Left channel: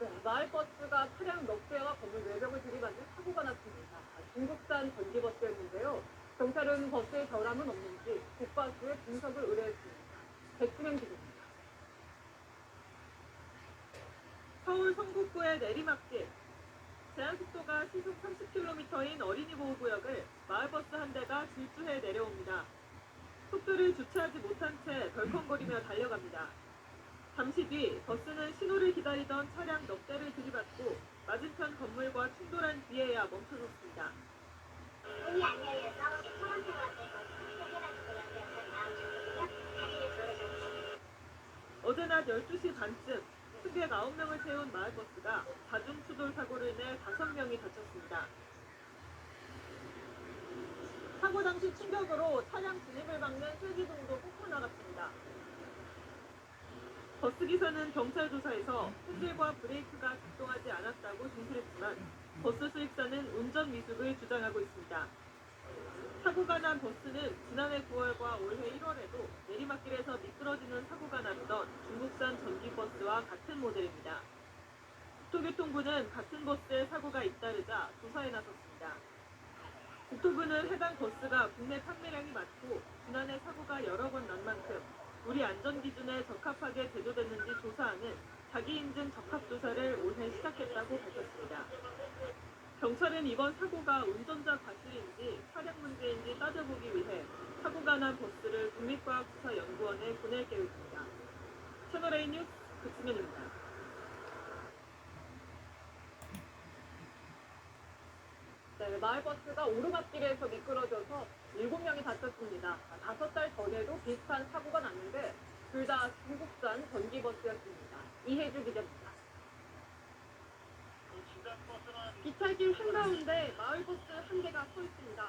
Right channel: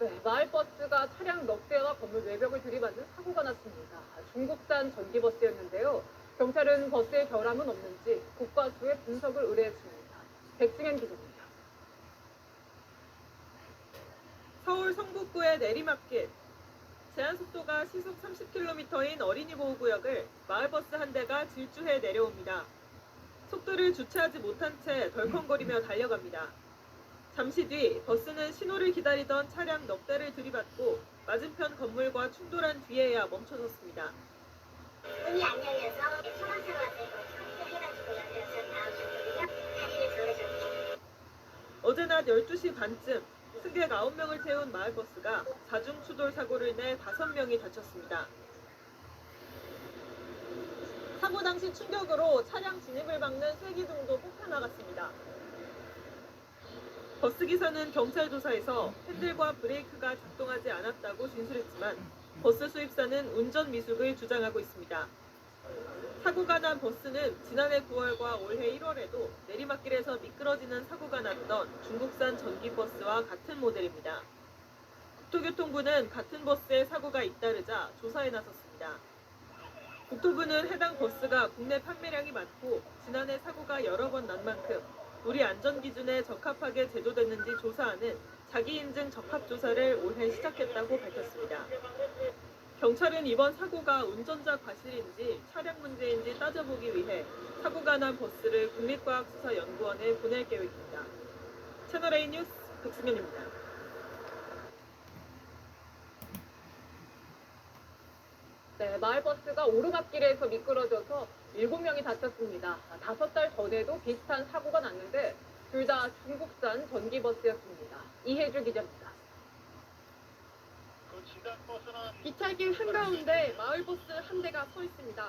네, 마을버스가 차량 몇 대와 건물 외벽을 들이받는 사고가 났습니다. 중국산 전기버스였는데요. 경찰은 버스에 결함은 없는지 국과수의 분석을 의뢰했습니다. 백승현 기자입니다. 서울 성북구의 내리막길. 제한속도가 시속 30km인 어린이보호구역을 마을버스 한 대가 질주해 내려옵니다. 속도를 주체하지 못한 채 덜컹거리며 달려갑니다. 잠시 뒤 버스는 신호를 기다리던 차량 넉 대를 들이받고 맞은편 건물과 충돌한 뒤에야 멈춰섰습니다. 문이 안 열려서 소방차가 와서 해가지고 열려서 다음 자리를 저으셨죠. 어제 낮 12시 반쯤 승객 9명을 태운 마을버스가 자중추돌 사고를 내 5명이 다쳤습니다. 사고 당시 충격으로 차량 진입을 막는 세기등도 폭파나갔습니다. 버스기사는 경찰 조사에서 핸들과 브레이크가 작동하지 않았다고 진술했지만 버스 수입사는 운전 미숙을 주장하고 있습니다. 사고가 난 버스는 지난해 9월과 올해 1월에도 내리막길에서 미끄러지는 사고가 났던 중국산 전기버스와 같은 모델입니다. 국토교통부는 같은 버스에 사고가 잇따르자 조사에 나섰습니다. 국토부는 해당 버스가 국내 판매량이 많고 지난해 사고가 여러 번 난 만큼 우리 안전기준에 적합하게 제조됐는지 조사하는 자기인증 적합조사를 올해 시작했다고 밝혔습니다. 경찰은 이번 사고가 운전자 과실인지 차량 문제인지 따져보기 위해 사고가 난 버스를 국립과학수사연구원에 보낼 계획입니다. 채널A 뉴스 백승현입니다. 네, 마을버스가 오르막길에서 미끄러져서 7명이 다쳤습니다. 5달 전에도 비슷한 사고가 났는데 둘 다 중국산 전기버스였습니다. 이혜주 기자입니다. 기차길 한가운데 마을버스 한 대가 서 있습니다.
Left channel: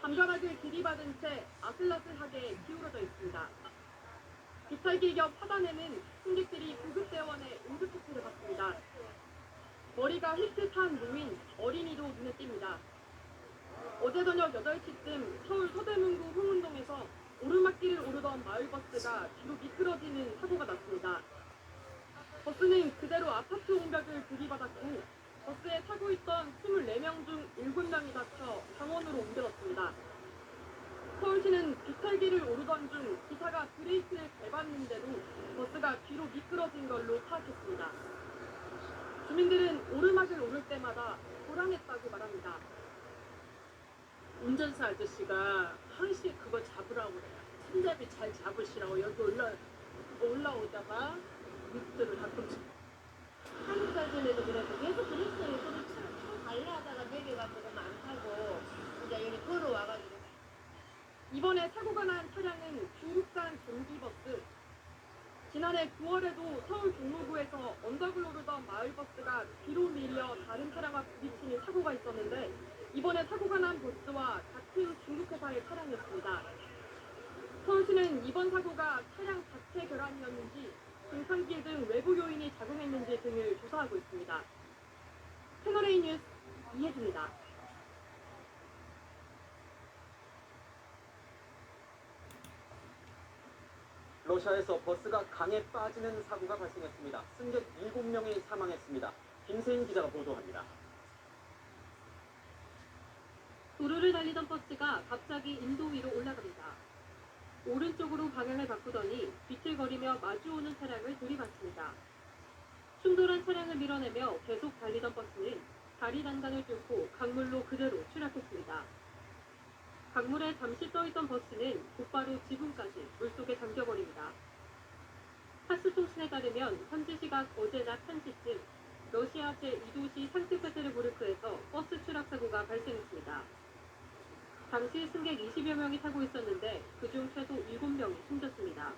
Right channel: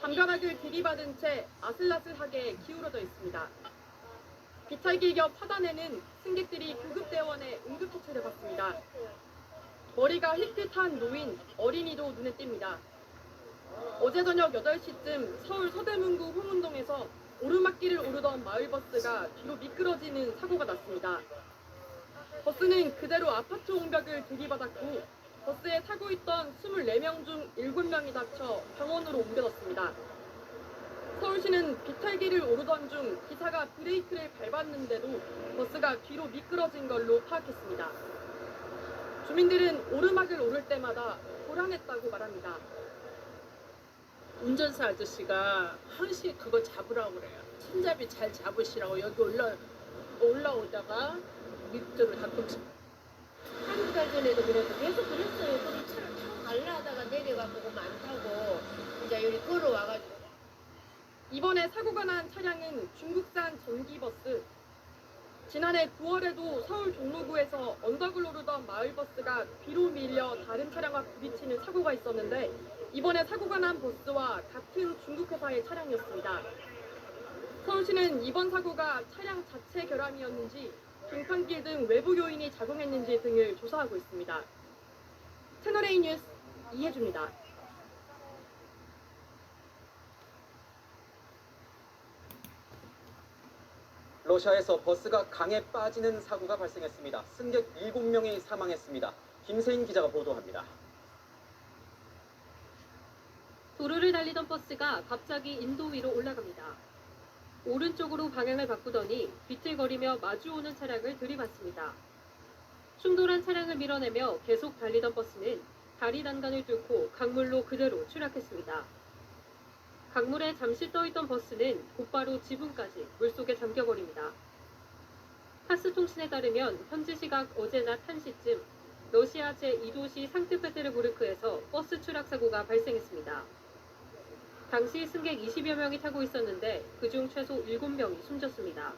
담벼락을 들이받은 채 아슬아슬하게 기울어져 있습니다. 기차길 옆 하단에는 승객들이 구급대원의 응급처치를 받습니다. 머리가 힐끗한 노인, 어린이도 눈에 띕니다. 어제 저녁 8시쯤 서울 서대문구 홍은동에서 오르막길을 오르던 마을버스가 뒤로 미끄러지는 사고가 났습니다. 버스는 그대로 아파트 옹벽을 들이받았고 버스에 타고 있던 24명 중 7명이 다쳐 병원으로 옮겨졌습니다. 서울시는 비탈길을 오르던 중 기사가 브레이크를 밟았는데도 버스가 뒤로 미끄러진 걸로 파악했습니다. 주민들은 오르막을 오를 때마다 고량했다고 말합니다. 운전사 아저씨가 항시 그거 잡으라고 그래요. 손잡이 잘 잡으시라고 여기 올라오다가 밑으로 가끔씩. 한두 달 전에도 그래서 계속 그랬어요. 그럼 차를 타고 갈라 하다가 내려가보고 많다고 이제 여기 걸어와가지고. 이번에 사고가 난 차량은 중국산 전기버스. 지난해 9월에도 서울 종로구에서 언덕을 오르던 마을버스가 뒤로 밀려 다른 차량과 부딪히는 사고가 있었는데 이번에 사고가 난 버스와 같은 중국 회사의 차량이었습니다. 서울시는 이번 사고가 차량 자체 결함이었는지 등판길 등 외부 요인이 작용했는지 등을 조사하고 있습니다. 채널A 뉴스 이혜주입니다. 러시아에서 버스가 강에 빠지는 사고가 발생했습니다. 승객 7명이 사망했습니다. 김세인 기자가 보도합니다. 도로를 달리던 버스가 갑자기 인도 위로 올라갑니다. 오른쪽으로 방향을 바꾸더니 비틀거리며 마주오는 차량을 들이받습니다. 충돌한 차량을 밀어내며 계속 달리던 버스는 다리 난간을 뚫고 강물로 그대로 추락했습니다. 강물에 잠시 떠있던 버스는 곧바로 지붕까지 물속에 잠겨버립니다. 타스통신에 따르면 현지 시각 어제 낮 1시쯤 러시아 제2도시 상트페테르부르크에서 버스 추락 사고가 발생했습니다. 당시 승객 20여 명이 타고 있었는데 그중 최소 7명이 숨졌습니다.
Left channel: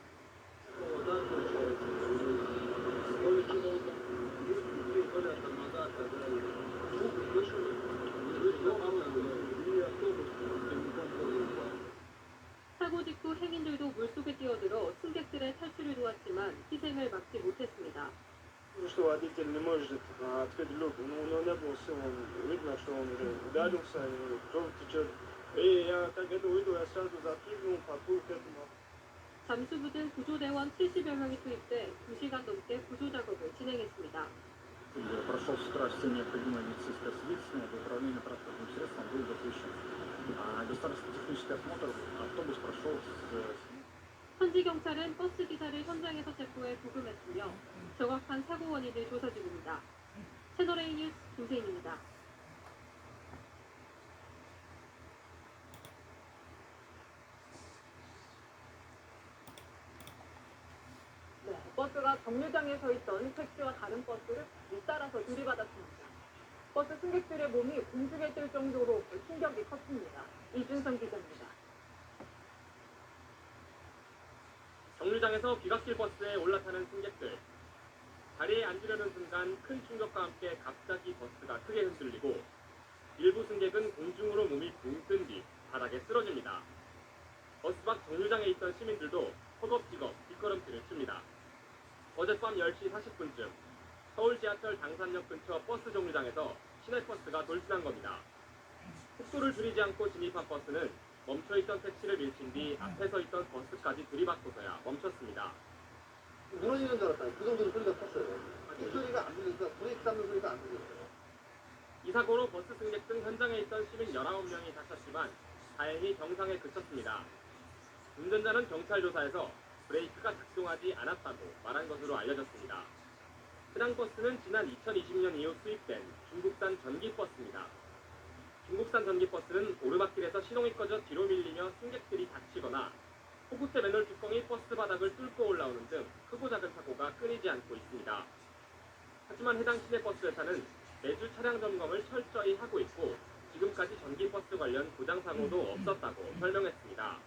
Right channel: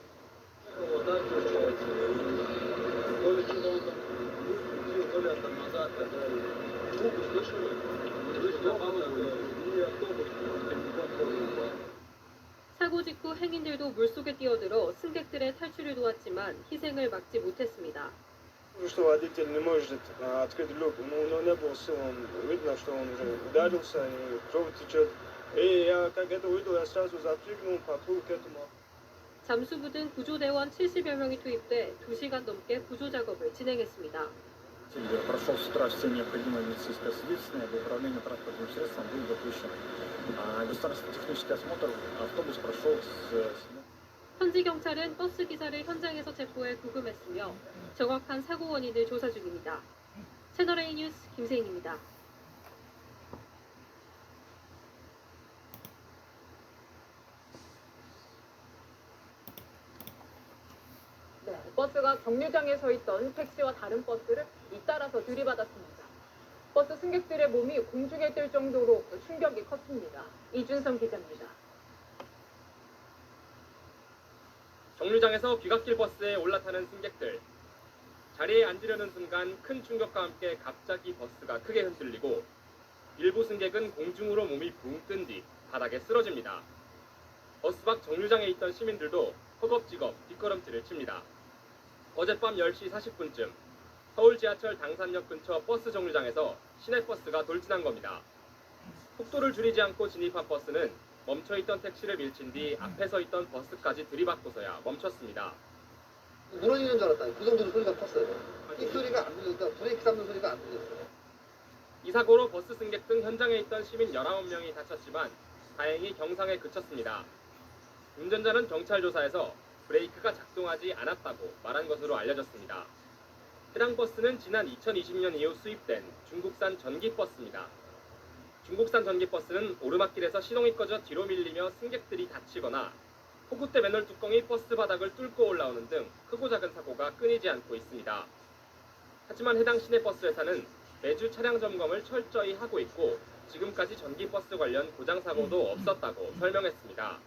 사고 직후 행인들도 물속에 뛰어들어 승객들의 탈출을 도왔지만 희생을 막지 못했습니다. Что водитель не может открыть люк, но у него не было сил, он видно, что он уже ударился, и кровь течет. И я как это увидел, я сразу запрыгнул, подплыл к этому. 잠수부 등 구조대원 70여 명이 투입돼 2시간 넘게 구조 작업을 진행했습니다. Прошел с утра все необходимые медицинское освидетельствование, для управления транспортным средством был допущен государственный технический осмотр, автобус прошел с 현지 경찰은 버스 기사를 현장에서 체포해 구금했으며 정확한 사고 원인을 조사 중입니다. 채널A 뉴스 김세인입니다. 네, 버스가 정류장에 서 있던 택시와 다른 버스를 잇따라서 들이받았습니다. 버스 승객들의 몸이 공중에 뜰 정도로 충격이 컸습니다. 이준성 기자입니다. 정류장에서 비각질 버스에 올라타는 승객들. 자리에 앉으려는 순간 큰 충격과 함께 갑자기 버스가 크게 흔들리고 일부 승객은 공중으로 몸이 붕 뜬 뒤 바닥에 쓰러집니다. 버스 밖 정류장에 있던 시민들도 허겁지겁 뒷걸음질을 칩니다. 어젯밤 10시 40분쯤 서울 지하철 당산역 근처 버스 정류장에서 시내버스가 돌진한 겁니다. 속도를 줄이지 않고 진입한 버스는 멈춰있던 택시를 밀친 뒤 앞에 서 있던 버스까지 들이받고서야 멈췄습니다. 무너지는 줄 알았다. 그 정도로 소리가 컸어요. 이 소리가 안 들렸다. 브레이크 잡는 소리가 안 들렸어요. 이 사고로 버스 승객 등 현장에 있던 시민 19명이 다쳤지만 다행히 경상에 그쳤습니다. 운전자는 경찰 조사에서 브레이크가 작동하지 않았다고 말한 것으로 알려졌습니다. 해당 버스는 지난 2020년 이후 수입된 중국산 전기버스입니다. 중국산 전기버스는 오르막길에서 시동이 꺼져 뒤로 밀리며 승객들이 다치거나 호구대 맨홀 뚜껑이 버스 바닥을 뚫고 올라오는 등 크고 작은 사고가 끊이지 않고 있습니다. 하지만 해당 시내버스 회사는 매주 차량 점검을 철저히 하고 있고 지금까지 전기버스 관련 고장 사고도 없었다고 설명했습니다.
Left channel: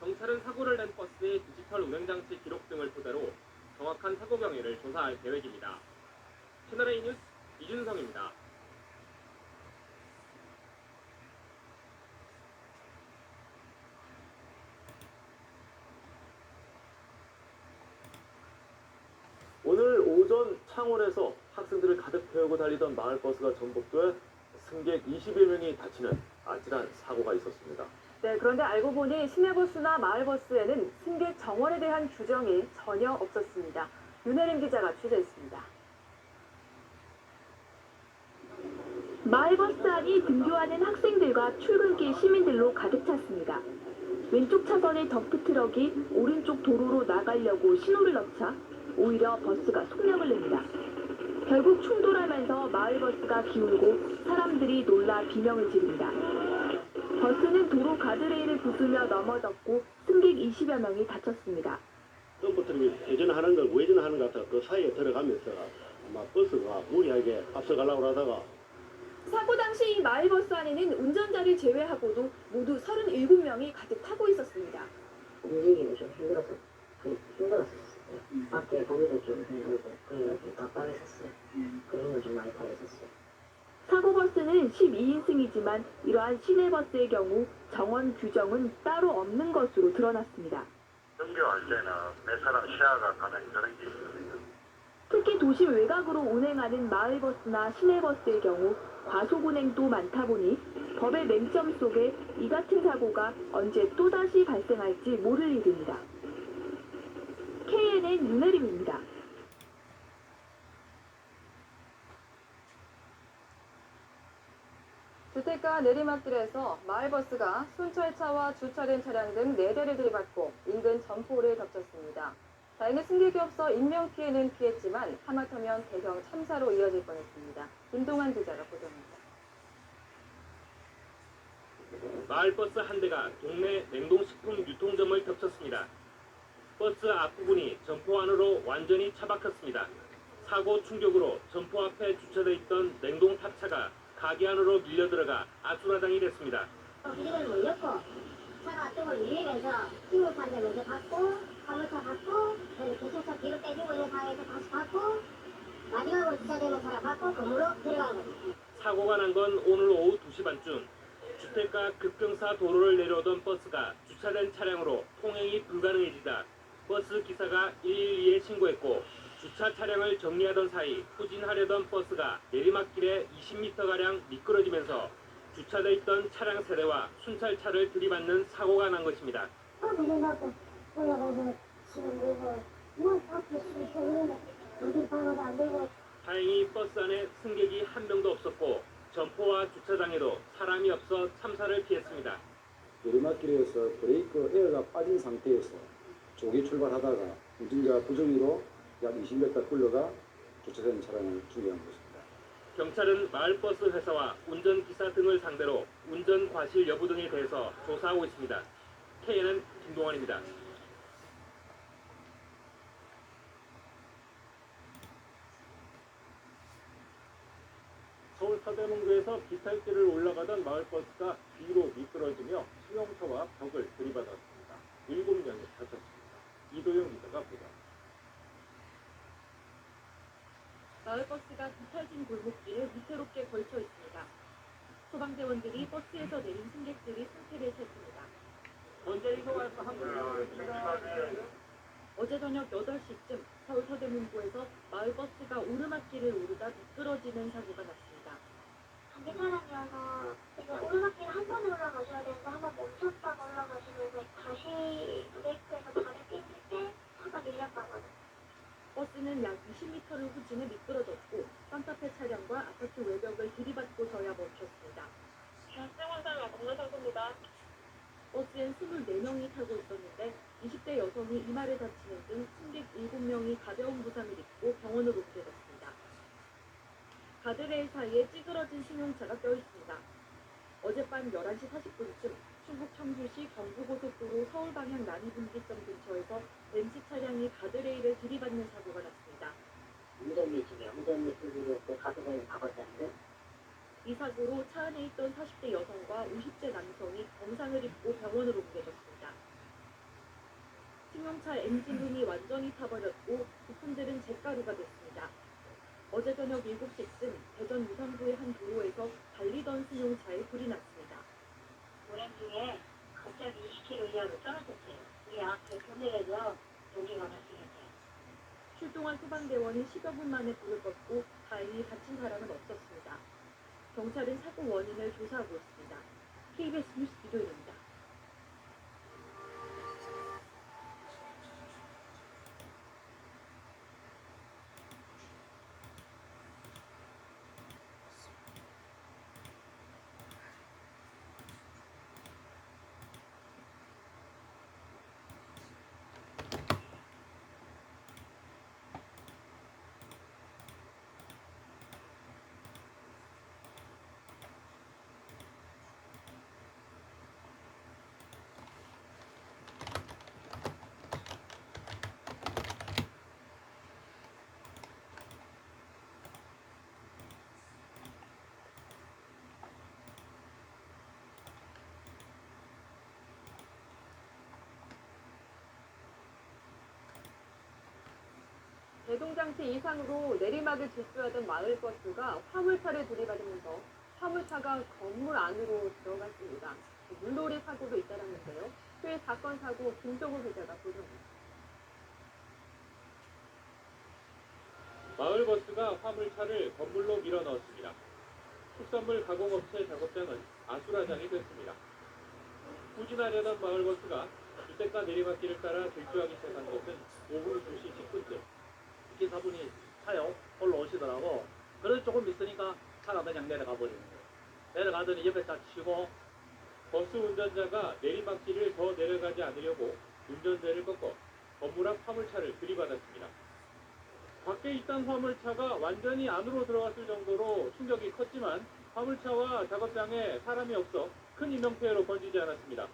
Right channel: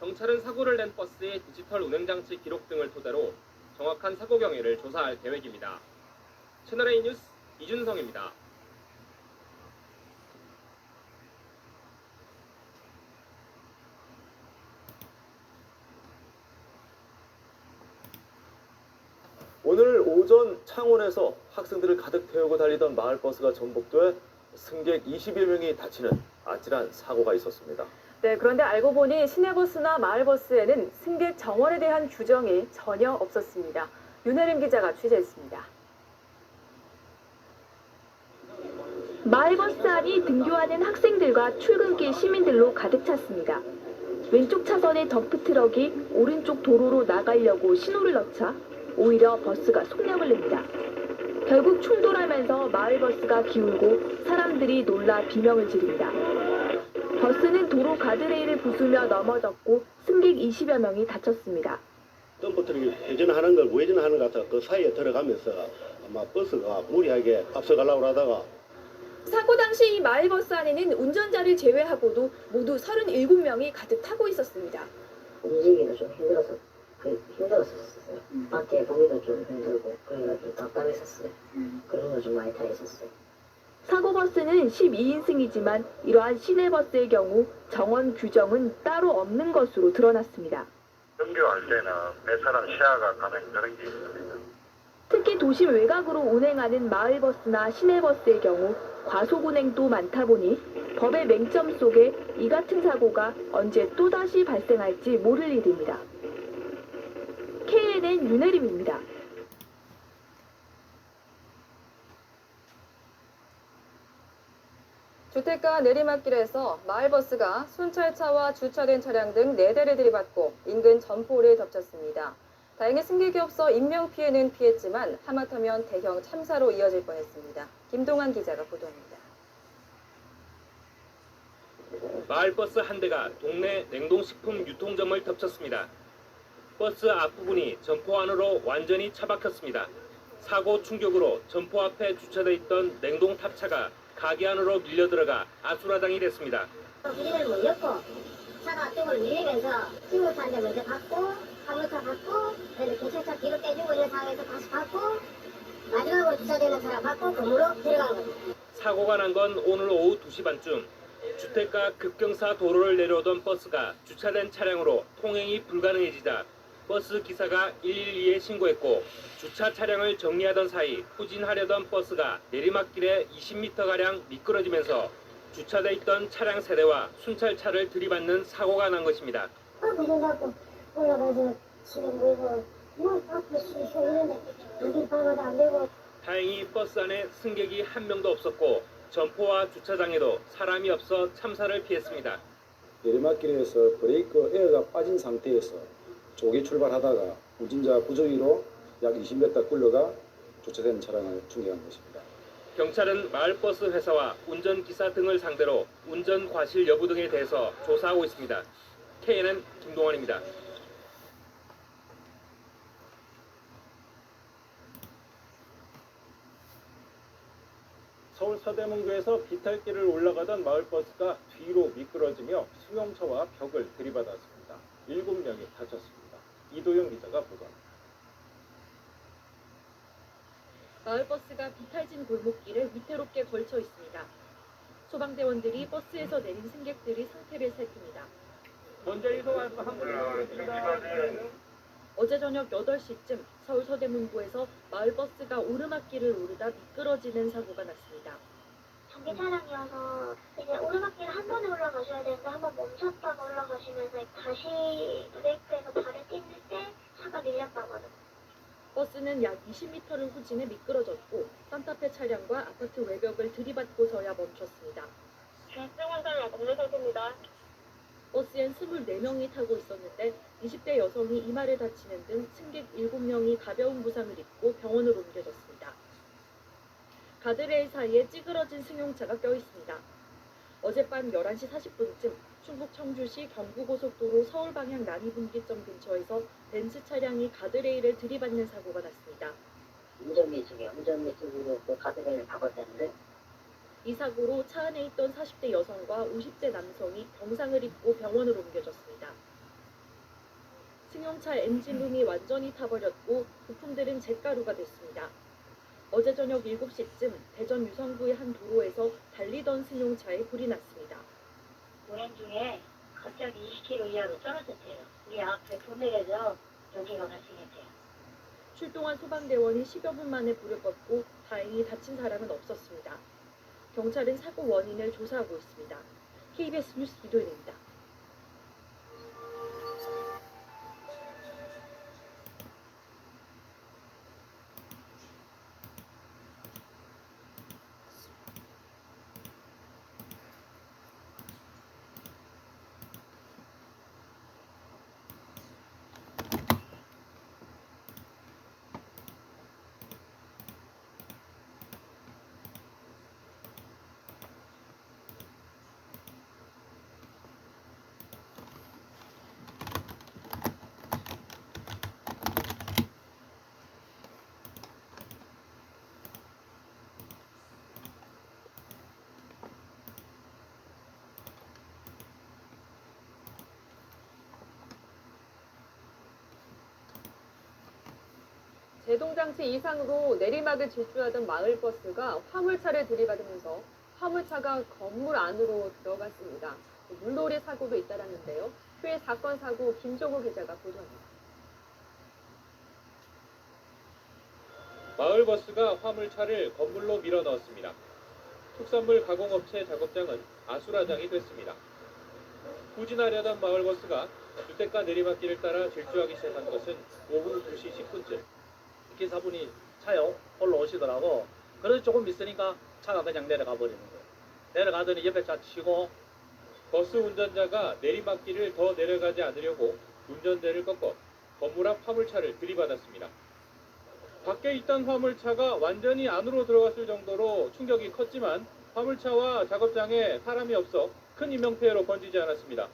경찰은 사고를 낸 버스의 디지털 운행장치 기록 등을 토대로 정확한 사고 경위를 조사할 계획입니다. 채널A 뉴스 이준성입니다. 오늘 오전 창원에서 학생들을 가득 태우고 달리던 마을버스가 전복돼 승객 21명이 다치는 아찔한 사고가 있었습니다. 네, 그런데 알고 보니 시내버스나 마을버스에는 승객 정원에 대한 규정이 전혀 없었습니다. 윤혜림 기자가 취재했습니다. 마을버스 안이 등교하는 학생들과 출근길 시민들로 가득 찼습니다. 왼쪽 차선의 덤프트럭이 오른쪽 도로로 나가려고 신호를 넣자 오히려 버스가 속력을 냅니다. 결국 충돌하면서 마을버스가 기울고 사람들이 놀라 비명을 지릅니다. 버스는 도로 가드레일을 부수며 넘어졌고 승객 20여 명이 다쳤습니다. 덤프트럭이 회전하는 걸 우회전하는 것 같아 그 사이에 들어가면서 아마 버스가 무리하게 앞서가려고 하다가 사고 당시 이 마을버스 안에는 운전자를 제외하고도 모두 37명이 가득 타고 있었습니다. 움직이기도 좀 힘들었었어요. 밖에 보기도 좀 힘들고 그래서 좀 답답했었어요. 그런 거 좀 많이 타있었어요. 사고버스는 12인승이지만 이러한 시내버스의 경우 정원 규정은 따로 없는 것으로 드러났습니다. 등교할 때는 몇 사람 시야가 가는 그런 게 있습니다. 특히 도심 외곽으로 운행하는 마을버스나 시내버스의 경우 과속 운행도 많다 보니 법의 맹점 속에 이 같은 사고가 언제 또다시 발생할지 모를 일입니다. KNN 윤혜림입니다. 주택가 내리막길에서 마을버스가 순찰차와 주차된 차량 등 4대를 들이받고 인근 점포를 덮쳤습니다. 다행히 승객이 없어 인명피해는 피했지만 하마터면 대형 참사로 이어질 뻔했습니다. 김동환 기자가 보도합니다. 마을버스 한 대가 동네 냉동식품 유통점을 덮쳤습니다. 버스 앞부분이 점포 안으로 완전히 차박혔습니다. 사고 충격으로 점포 앞에 주차돼 있던 냉동 탑차가 가게 안으로 밀려 들어가 아수라장이 됐습니다. 우리는 뭐 엮고 차가 앞쪽으로 밀리면서 승무차한테 먼저 받고 화물차 받고 그래서 경찰차 뒤로 빼주고 이런 상황에서 다시 받고 마지막으로 주차되는 사람 받고 건물로 들어간 겁니다. 사고가 난 건 오늘 오후 2시 반쯤 주택가 급경사 도로를 내려오던 버스가 주차된 차량으로 통행이 불가능해지자 버스 기사가 112에 신고했고 주차 차량을 정리하던 사이 후진하려던 버스가 내리막길에 20m가량 미끄러지면서 주차돼 있던 차량 세대와 순찰차를 들이받는 사고가 난 것입니다. 그래갖고 올라가서 지금 뭐 앞에 수 있는데 여기 방어도 안 되고. 다행히 버스 안에 승객이 한 명도 없었고 점포와 주차장에도 사람이 없어 참사를 피했습니다. 내리막길에서 브레이크 에어가 빠진 상태에서 조기 출발하다가 운전자 부조기로 약 20m 끌려가 주차된 차량을 충격한 것입니다. 경찰은 마을버스 회사와 운전기사 등을 상대로 운전 과실 여부 등에 대해서 조사하고 있습니다. KNN 김동원입니다. 서울 서대문구에서 비탈길을 올라가던 마을버스가 뒤로 미끄러지며 승용차와 벽을 들이받았습니다. 7명이 다쳤습니다. 이도영 기자가 보도합니다. 마을버스가 비탈진 골목길을 위태롭게 걸쳐 있습니다. 소방대원들이 버스에서 내린 승객들이 상태를 살핍니다. 먼저 이동해서 한 분을 모시겠습니다. 어제 저녁 8시쯤 서울 서대문구에서 마을버스가 오르막길을 오르다 미끄러지는 사고가 났습니다. 전기 차량이어서 이제 오르막길 한 번에 올라가셔야 되는데 한 번 멈췄다가 올라가시면서 다시 브레이크에서 발을 띄울 때 차가 밀렸다고요. 버스는 약 20m를 후진해 미끄러졌고 산타페 차량과 아파트 외벽을 들이받고서야 멈췄습니다. 중증환자를 건너셨습니다. 버스엔 24명이 타고 있었는데 20대 여성이 이마를 다치는 등 승객 7명이 가벼운 부상을 입고 병원으로 옮겨졌습니다. 가드레일 사이에 찌그러진 승용차가 껴 있습니다. 어젯밤 11시 40분쯤 충북 청주시 경부고속도로 서울 방향 난이분기점 근처에서 벤츠 차량이 가드레일을 들이받는 사고가 났습니다. 운전미숙으로 그 가드레일을 박았다는데 이 사고로 차 안에 있던 40대 여성과 50대 남성이 병상을 입고 병원으로 옮겨졌습니다. 승용차 엔진룸이 완전히 타버렸고 부품들은 잿가루가 됐습니다. 어제 저녁 7시쯤 대전 유성구의 한 도로에서 달리던 승용차에 불이 났습니다. 운행 중에 갑자기 20km 이하로 떨어졌어요. 우리 앞에 금액에서 여기가 발생했대요. 출동한 소방대원이 10여 분 만에 불을 껐고 다행히 다친 사람은 없었습니다. 경찰은 사고 원인을 조사하고 있습니다. KBS 뉴스 이도현입니다. 제동장치 이상으로 내리막을 질주하던 마을버스가 화물차를 들이받으면서 화물차가 건물 안으로 들어갔습니다. 물놀이 사고도 잇따랐는데요. 회 사건 사고 김종우 기자가 보도합니다. 마을버스가 화물차를 건물로 밀어 넣었습니다. 특산물 가공업체 작업장은 아수라장이 됐습니다. 후진하려던 마을버스가 주택가 내리막길을 따라 질주하기 시작한 것은 오후 2시 10분쯤. 기사분이 차요 올라오시더라고. 그래서 조금 있으니까 차가 그냥 내려가 버리는 거예요. 내려가더니 옆에 차 치고 버스 운전자가 내리막길을 더 내려가지 않으려고 운전대를 꺾어 건물 앞 화물차를 들이받았습니다. 밖에 있던 화물차가 완전히 안으로 들어갔을 정도로 충격이 컸지만 화물차와 작업장에 사람이 없어 큰 인명피해로 번지지 않았습니다.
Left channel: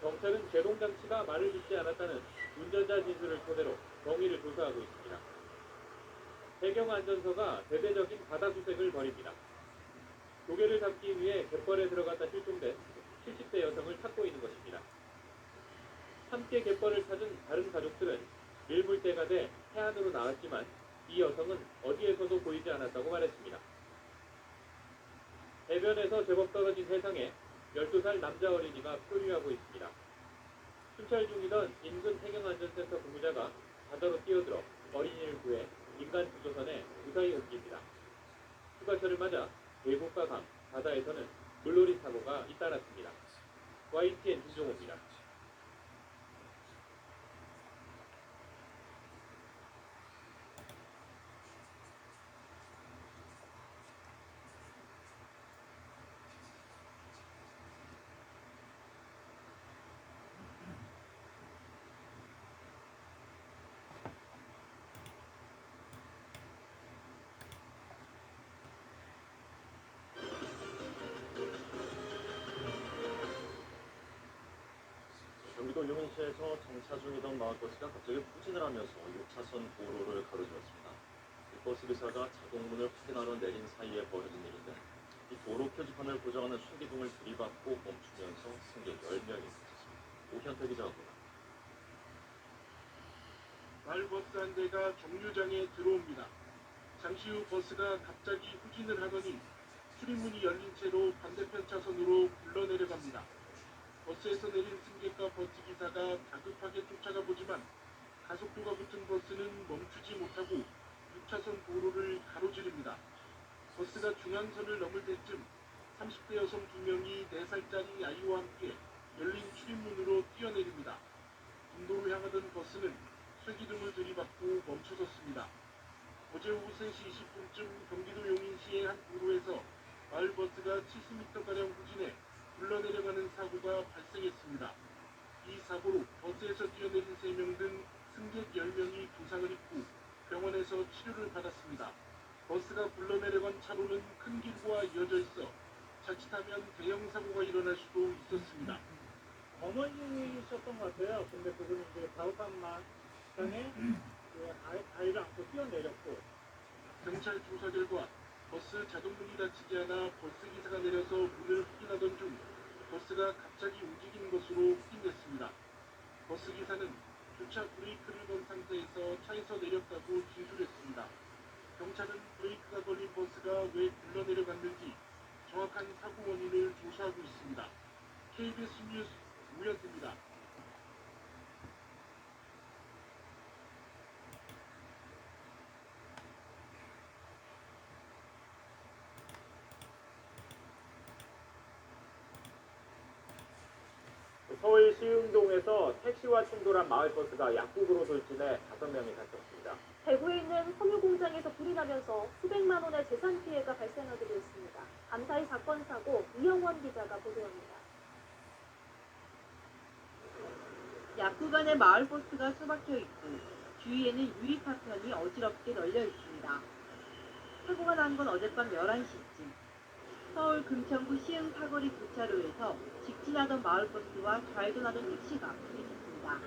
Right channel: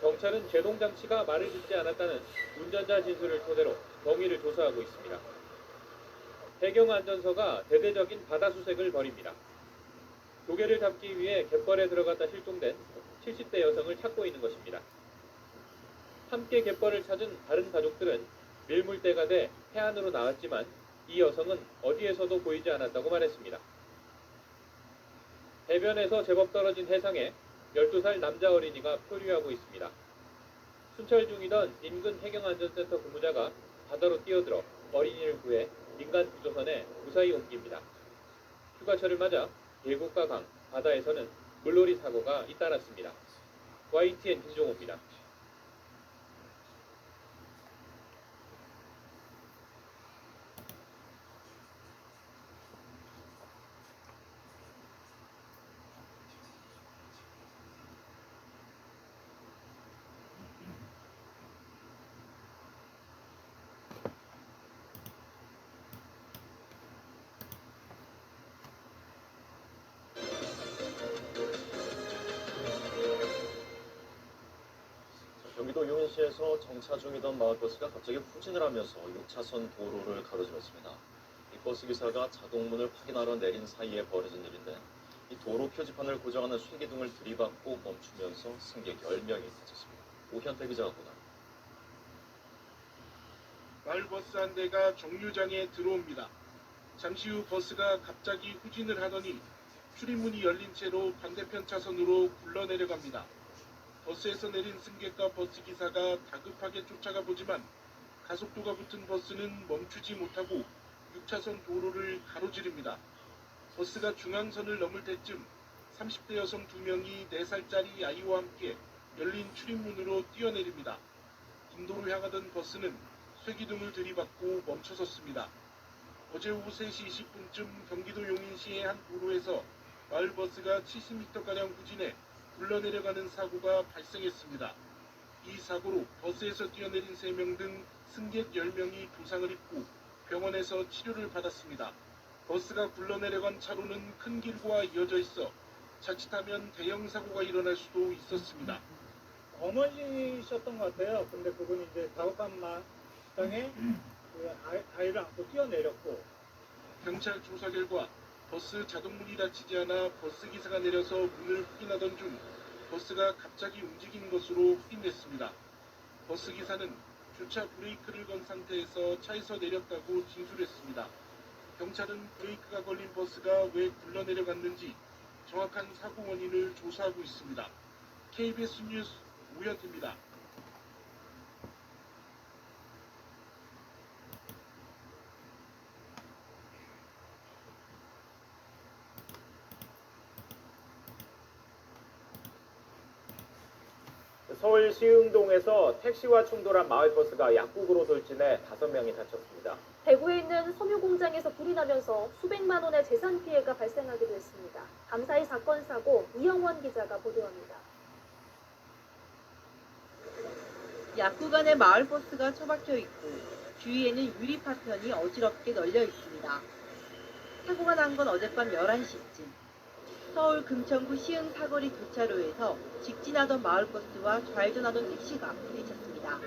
경찰은 제동장치가 말을 듣지 않았다는 운전자 진술을 토대로 경위를 조사하고 있습니다. 배경안전서가 대대적인 바다 수색을 벌입니다. 조개를 잡기 위해 갯벌에 들어갔다 실종된 70대 여성을 찾고 있는 것입니다. 함께 갯벌을 찾은 다른 가족들은 밀물대가 돼 해안으로 나왔지만 이 여성은 어디에서도 보이지 않았다고 말했습니다. 해변에서 제법 떨어진 해상에 12살 남자 어린이가 표류하고 있습니다. 순찰 중이던 인근 해경안전센터 근무자가 바다로 뛰어들어 어린이를 구해 민간 구조선에 무사히 옮깁니다. 휴가철을 맞아 대구가 강 바다에서는 물놀이 사고가 잇따랐습니다. YTN 김종호입니다. 경기도 용인시에서 정차 중이던 마을버스가 갑자기 후진을 하면서 6차선 도로를 가로질렀습니다. 이 버스 기사가 자동문을 확인하러 내린 사이에 벌어진 일인데 이 도로 표지판을 고정하는 순기둥을 들이받고 멈추면서 승객 10명이 다쳤습니다. 오현태 기자가 보다. 마을버스 한 대가 정류장에 들어옵니다. 잠시 후 버스가 갑자기 후진을 하더니 출입문이 열린 채로 반대편 차선으로 굴러내려갑니다. 버스에서 내린 승객과 버스 기사가 다급하게 쫓아가 보지만 가속도가 붙은 버스는 멈추지 못하고 6차선 도로를 가로지릅니다. 버스가 중앙선을 넘을 때쯤 30대 여성 2명이 4살짜리 아이와 함께 열린 출입문으로 뛰어내립니다. 인도로 향하던 버스는 쇠기둥을 들이받고 멈춰섰습니다. 어제 오후 3시 20분쯤 경기도 용인시의 한 도로에서 마을버스가 70m가량 후진해 굴러내려가는 사고가 발생했습니다. 이 사고로 버스에서 뛰어내린 3명 등 승객 10명이 부상을 입고 병원에서 치료를 받았습니다. 버스가 굴러내려간 차로는 큰 길과 이어져 있어 자칫하면 대형 사고가 일어날 수도 있었습니다. 어머니셨던 것 같아요. 근데 그분이 이제 가옥간마당에 다리를 안고 뛰어내렸고. 경찰 조사 결과 버스 자동문이 닫히지 않아 버스 기사가 내려서 문을 확인하던 중 버스가 갑자기 움직인 것으로 확인됐습니다. 버스 기사는 주차 브레이크를 건 상태에서 차에서 내렸다고 진술했습니다. 경찰은 브레이크가 걸린 버스가 왜 굴러내려갔는지 정확한 사고 원인을 조사하고 있습니다. KBS 뉴스 오현태입니다. 서울 시흥동에서 택시와 충돌한 마을버스가 약국으로 돌진해 5명이 다쳤습니다. 대구에 있는 섬유 공장에서 불이 나면서 수백만 원의 재산 피해가 발생하기도 했습니다. 감사히 사건 사고 이영원 기자가 보도합니다. 약국 안에 마을버스가 처박혀 있고 주위에는 유리 파편이 어지럽게 널려 있습니다. 사고가 난 건 어젯밤 11시쯤 서울 금천구 시흥 사거리 교차로에서 직진하던 마을버스와 좌회전하던 택시가 부딪혔습니다.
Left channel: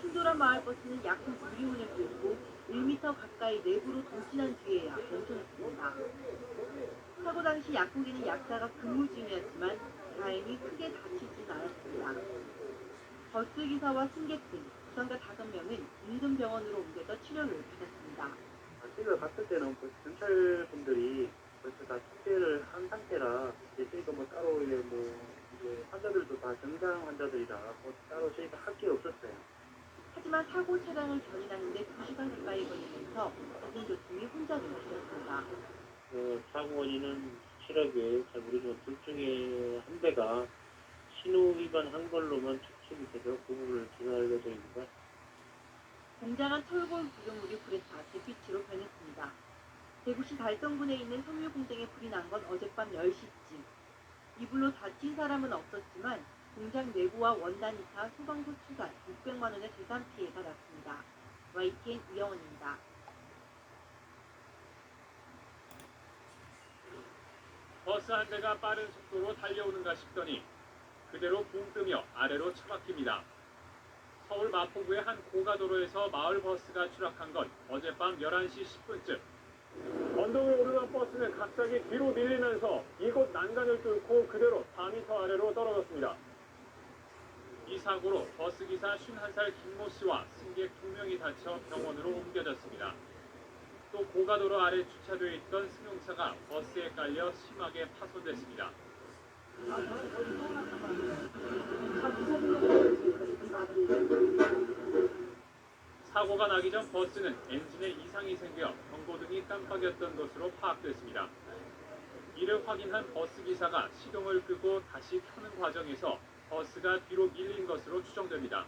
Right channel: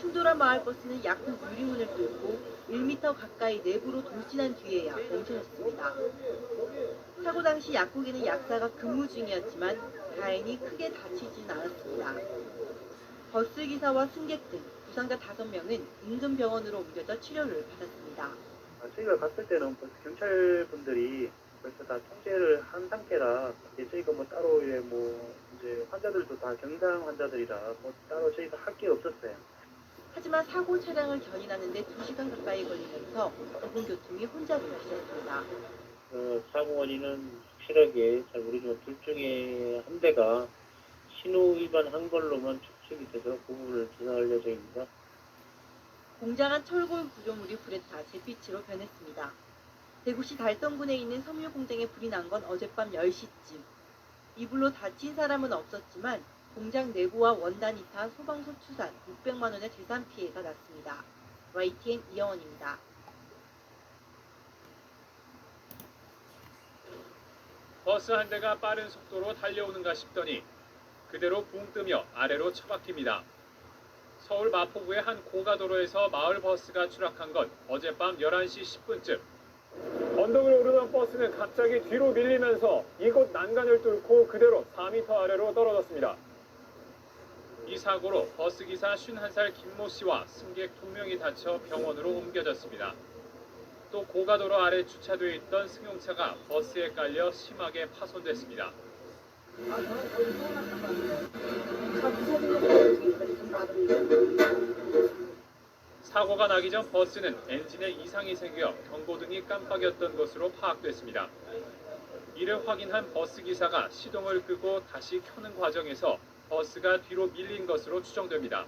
충돌한 마을버스는 약국 유리문을 뚫고 1m 가까이 내부로 돌진한 뒤에야 멈춰섰습니다. 사고 당시 약국에는 약사가 근무 중이었지만 다행히 크게 다치진 않았습니다. 버스기사와 승객 등 부상자 5명은 인근 병원으로 옮겨져 치료를 받았습니다. 저희가 갔을 때는 경찰분들이 벌써 다 통제를 한 상태라 이제 저희가 뭐 따로 이제 환자들도 다 경장 환자들이라 뭐 따로 저희가 할 게 없었어요. 하지만 사고 차량을 견인하는데 2시간 가까이 걸리면서 대중교통이 혼잡이 있었습니다. 사고 원인은 확실하게 잘 모르지만 둘 중에 한 대가 신호 위반한 걸로만 추측이 돼서 그 부분을 조사할 예정입니다. 공장한 철골 구조물이 불에 타 잿빛으로 변했습니다. 대구시 달성군에 있는 섬유 공장에 불이 난 건 어젯밤 10시쯤. 이 불로 다친 사람은 없었지만 공장 내부와 원단이 타 소방서 추산 600만 원의 재산 피해가 났습니다. YTN 이영원입니다. 버스 한 대가 빠른 속도로 달려오는가 싶더니 그대로 붕 뜨며 아래로 처박힙니다. 서울 마포구의 한 고가도로에서 마을버스가 추락한 건 어젯밤 11시 10분쯤. 언덕을 오르던 버스는 갑자기 뒤로 밀리면서 이곳 난간을 뚫고 그대로 4m 아래로 떨어졌습니다. 이 사고로 버스기사 51살 김모 씨와 승객 2명이 다쳐 병원으로 옮겨졌습니다. 또 고가도로 아래 주차되어 있던 승용차가 버스에 깔려 심하게 파손됐습니다. 사고가 나기 전 버스는 엔진에 이상이 생겨 경고등이 깜빡였던 것으로 파악됐습니다. 이를 확인한 버스기사가 시동을 끄고 다시 켜는 과정에서 버스가 뒤로 밀린 것으로 추정됩니다.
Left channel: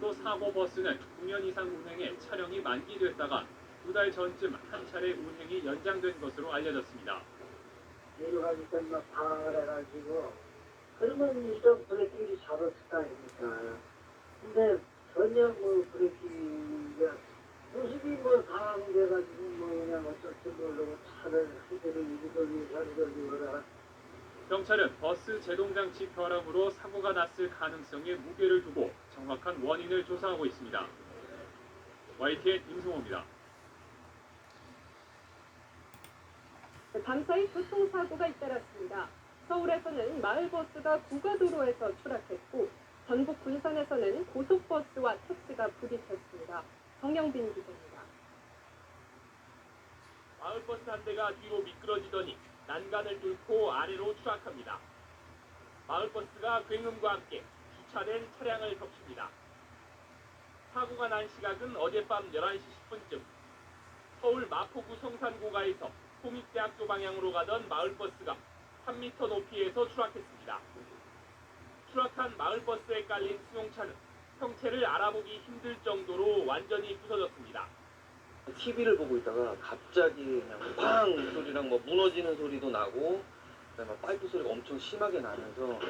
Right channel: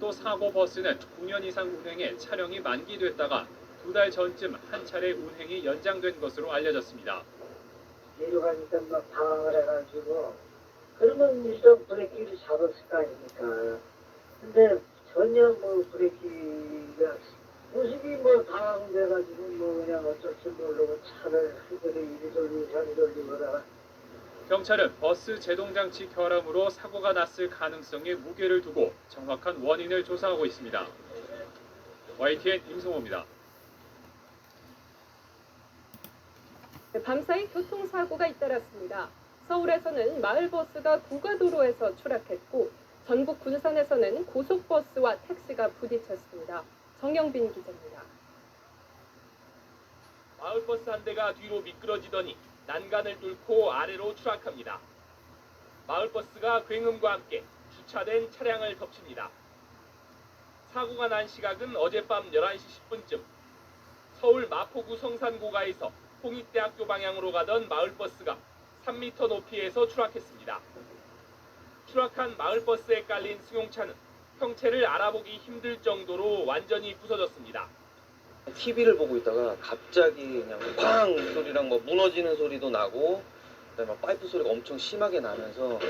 또 사고 버스는 9년 이상 운행해 차량이 만기됐다가 2달 전쯤 한 차례 운행이 연장된 것으로 알려졌습니다. 내려가니까 막 당황을 해가지고 그러면 좀 브레이크를 잡았을 거 아닙니까. 근데 전혀 브레이크가 모습이 당황돼가지고 그냥 어쩔 줄 모르고 차를 흔들리 이리저리 그러다가 경찰은 버스 제동장치 결함으로 사고가 났을 가능성에 무게를 두고 정확한 원인을 조사하고 있습니다. YTN 임성호입니다. 밤사이 교통사고가 잇따랐습니다. 서울에서는 마을버스가 구가도로에서 추락했고 전북 군산에서는 고속버스와 택시가 부딪혔습니다. 정영빈 기자입니다. 마을버스 한 대가 뒤로 미끄러지더니 난간을 뚫고 아래로 추락합니다. 마을버스가 굉음과 함께 주차된 차량을 덮칩니다. 사고가 난 시각은 어젯밤 11시 10분쯤 서울 마포구 성산고가에서 홍익대학교 방향으로 가던 마을버스가 3m 높이에서 추락했습니다. 추락한 마을버스에 깔린 승용차는 형체를 알아보기 힘들 정도로 완전히 부서졌습니다. TV를 보고 있다가 갑자기 그냥 쾅 소리랑 뭐 무너지는 소리도 나고 그다음에 막 파이프 소리가 엄청 심하게 나면서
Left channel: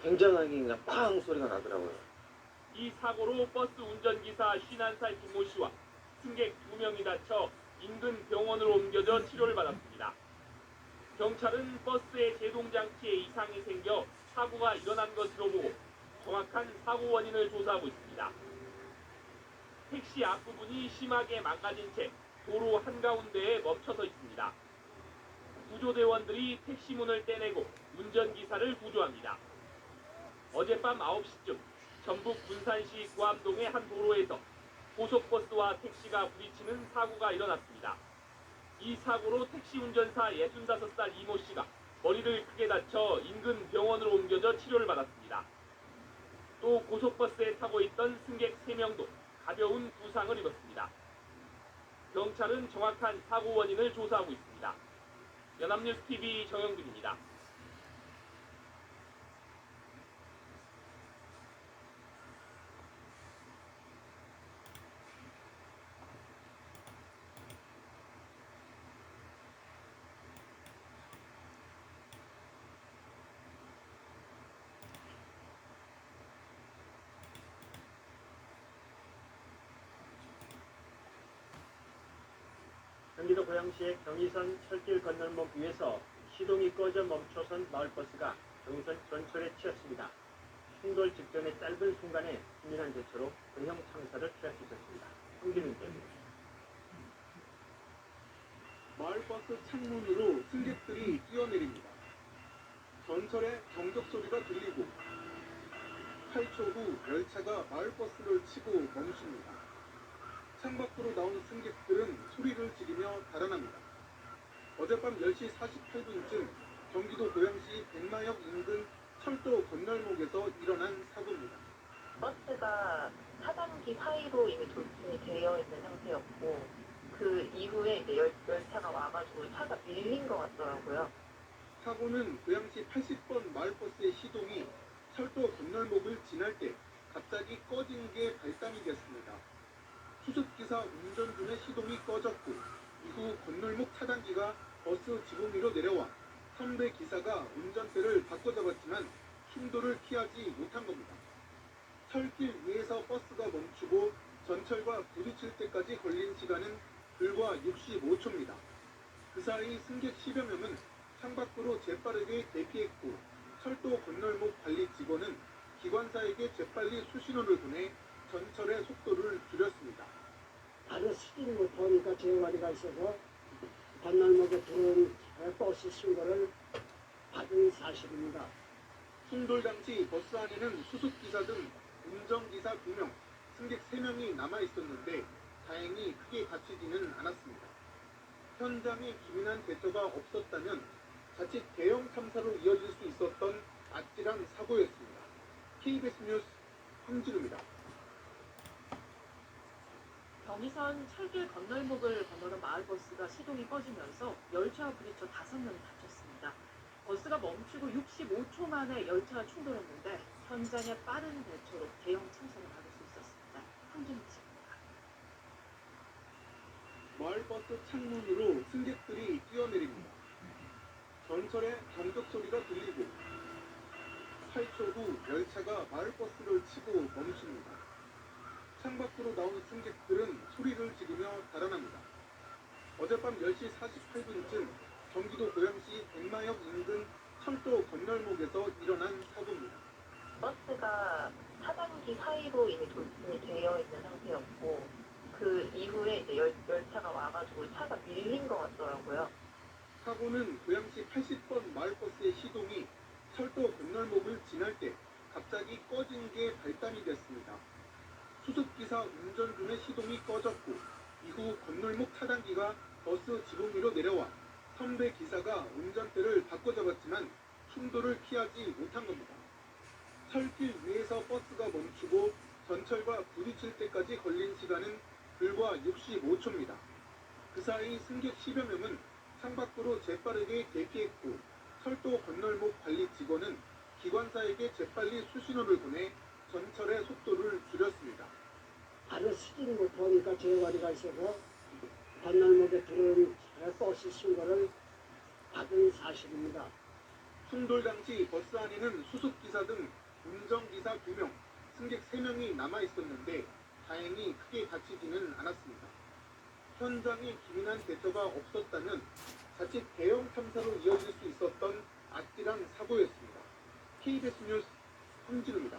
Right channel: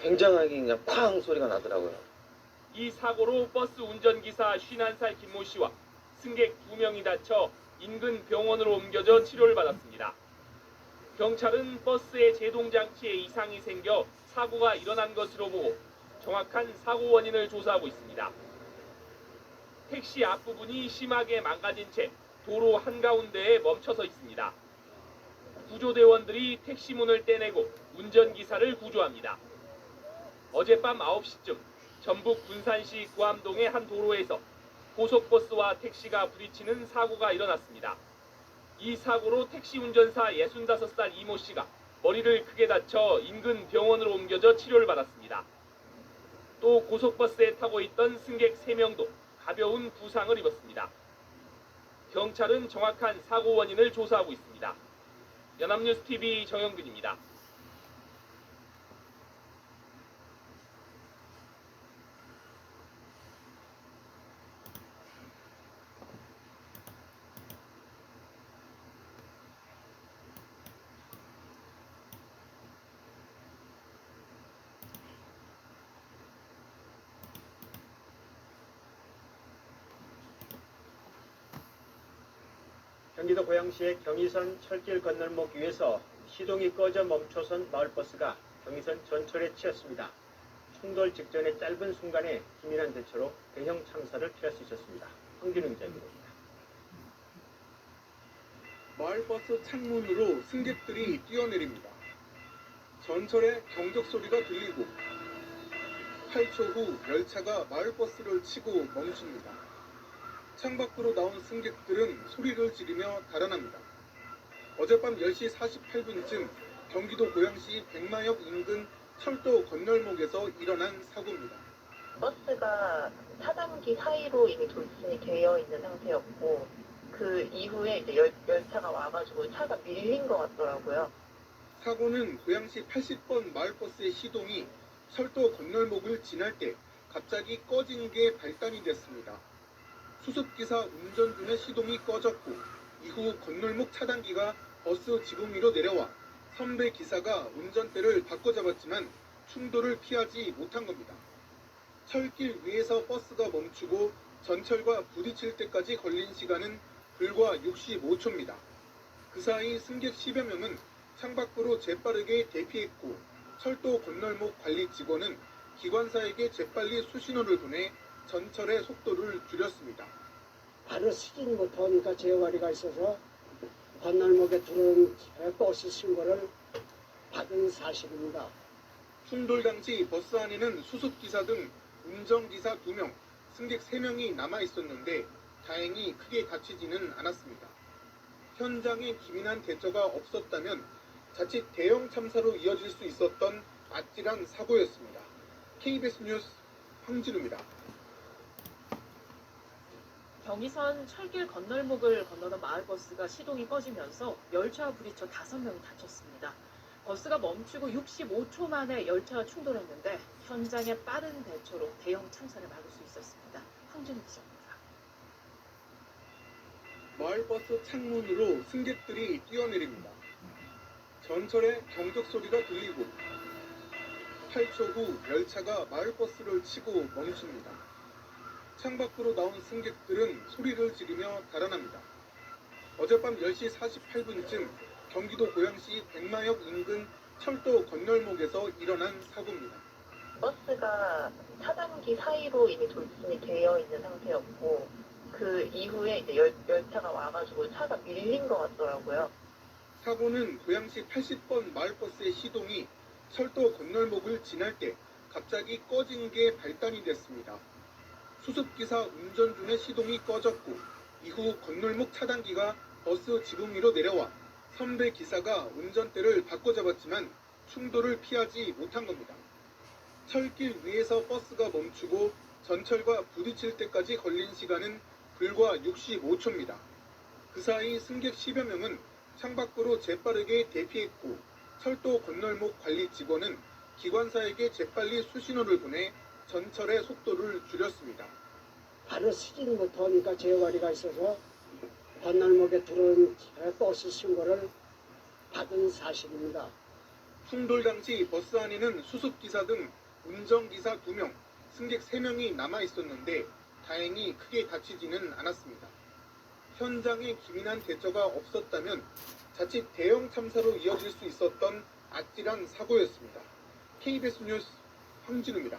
굉장하게 그냥 쾅 소리가 나더라고요. 이 사고로 버스 운전기사 51살 김모 씨와 승객 2명이 다쳐 인근 병원으로 옮겨져 치료를 받았습니다. 경찰은 버스의 제동장치에 이상이 생겨 사고가 일어난 것으로 보고 정확한 사고 원인을 조사하고 있습니다. 택시 앞부분이 심하게 망가진 채 도로 한가운데에 멈춰서 있습니다. 구조대원들이 택시 문을 떼내고 운전기사를 구조합니다. 어젯밤 9시쯤 전북 군산시 구암동의 한 도로에서 고속버스와 택시가 부딪히는 사고가 일어났습니다. 이 사고로 택시 운전사 65살 이모 씨가 머리를 크게 다쳐 인근 병원으로 옮겨져 치료를 받았습니다. 또 고속버스에 타고 있던 승객 3명도 가벼운 부상을 입었습니다. 경찰은 정확한 사고 원인을 조사하고 있습니다. 연합뉴스TV 정영근입니다. 경기도 고양시의 경의선 철길 건널목 위에서 시동이 꺼져 멈춰선 마을버스가 경의선 전철에 치였습니다. 충돌 직전의 짧은 순간에 기민한 대처로 대형 참사를 피할 수 있었습니다. 황진우 기자입니다. 마을버스 창문으로 승객들이 뛰어내립니다. 전철에 경적 소리가 들리고 8초 후 열차가 마을버스를 치고 멈춥니다. 창밖으로 나온 승객들은 소리를 지르며 달아납니다. 어젯밤 10시 48분쯤 경기도 고양시 백마역 인근 철도 건널목에서 일어난 사고입니다. 버스가 차단기 사이로 이게 돌진이 되어 있는 상태였고 그 이후에 이제 열차가 와가지고 차가 밀린 것 같더라고요. 사고는 고양시 80번 마을버스의 시동이 철도 건널목을 지날 때 갑자기 꺼진 게 발단이 됐습니다. 수습기사 운전 중에 시동이 꺼졌고 이후 건널목 차단기가 버스 지붕 위로 내려와 선배 기사가 운전대를 바꿔잡았지만 충돌을 피하지 못한 겁니다. 철길 위에서 버스가 멈추고 전철과 부딪힐 때까지 걸린 시간은 불과 65초입니다. 그 사이 승객 10여 명은 창밖으로 재빠르게 대피했고 철도 건널목 관리 직원은 기관사에게 재빨리 수신호를 보내 전철의 속도를 줄였습니다. 바로 수진부터 재활이가 있어서 건널목에 들어온 버스 신고를 받은 사실입니다. 충돌 당시 버스 안에는 수습기사 등 운전기사 2명, 승객 3명이 남아 있었는데 다행히 크게 다치지는 않았습니다. 현장에 기민한 대처가 없었다면 자칫 대형 참사로 이어질 수 있었던 아찔한 사고였습니다. KBS 뉴스 황진우입니다. 경의선 철길 건널목을 건너던 마을버스가 시동이 꺼지면서 열차와 부딪혀 5명이 다쳤습니다. 버스가 멈추고 65초 만에 열차와 충돌했는데 현장의 빠른 대처로 대형 참사를 막을 수 있었습니다. 황진우 기자입니다. 마을버스 창문으로 승객들이 뛰어내립니다. 전철에 경적 소리가 들리고 8초 후 열차가 마을버스를 치고 멈춥니다. 창밖으로 나온 승객들은 소리를 지르며 달아납니다. 어젯밤 10시 48분쯤 경기도 고양시 백마역 인근 철도 건널목에서 일어난 사고입니다. 버스가 차단기 사이로 이미 돌진이 되어 있는 상태였고 그 이후에 이제 열차가 와가지고 차가 밀린 것 같더라고요. 사고는 고양시 80번 마을버스의 시동이 철도 건널목을 지날 때 갑자기 꺼진 게 발단이 됐습니다. 수습기사 운전 중에 시동이 꺼졌고 이후 건널목 차단기가 버스 지붕 위로 내려와 선배 기사가 운전대를 바꿔잡았지만 충돌을 피하지 못한 겁니다. 철길 위에서 버스가 멈추고 전철과 부딪힐 때까지 걸린 시간은 불과 65초입니다. 그 사이 승객 10여 명은 창밖으로 재빠르게 대피했고 철도 건널목 관리 직원은 기관사에게 재빨리 수신호를 보내 전철의 속도를 줄였습니다. 바로 시진부터 그러니까 재활이가 있어서 건널목에 들어온 버스 신고를 받은 사실입니다. 충돌 당시 버스 안에는 수습기사 등 운전기사 2명, 승객 3명이 남아 있었는데 다행히 크게 다치지는 않았습니다. 현장에 기민한 대처가 없었다면 자칫 대형 참사로 이어질 수 있었던 아찔한 사고였습니다. KBS 뉴스 황진우입니다.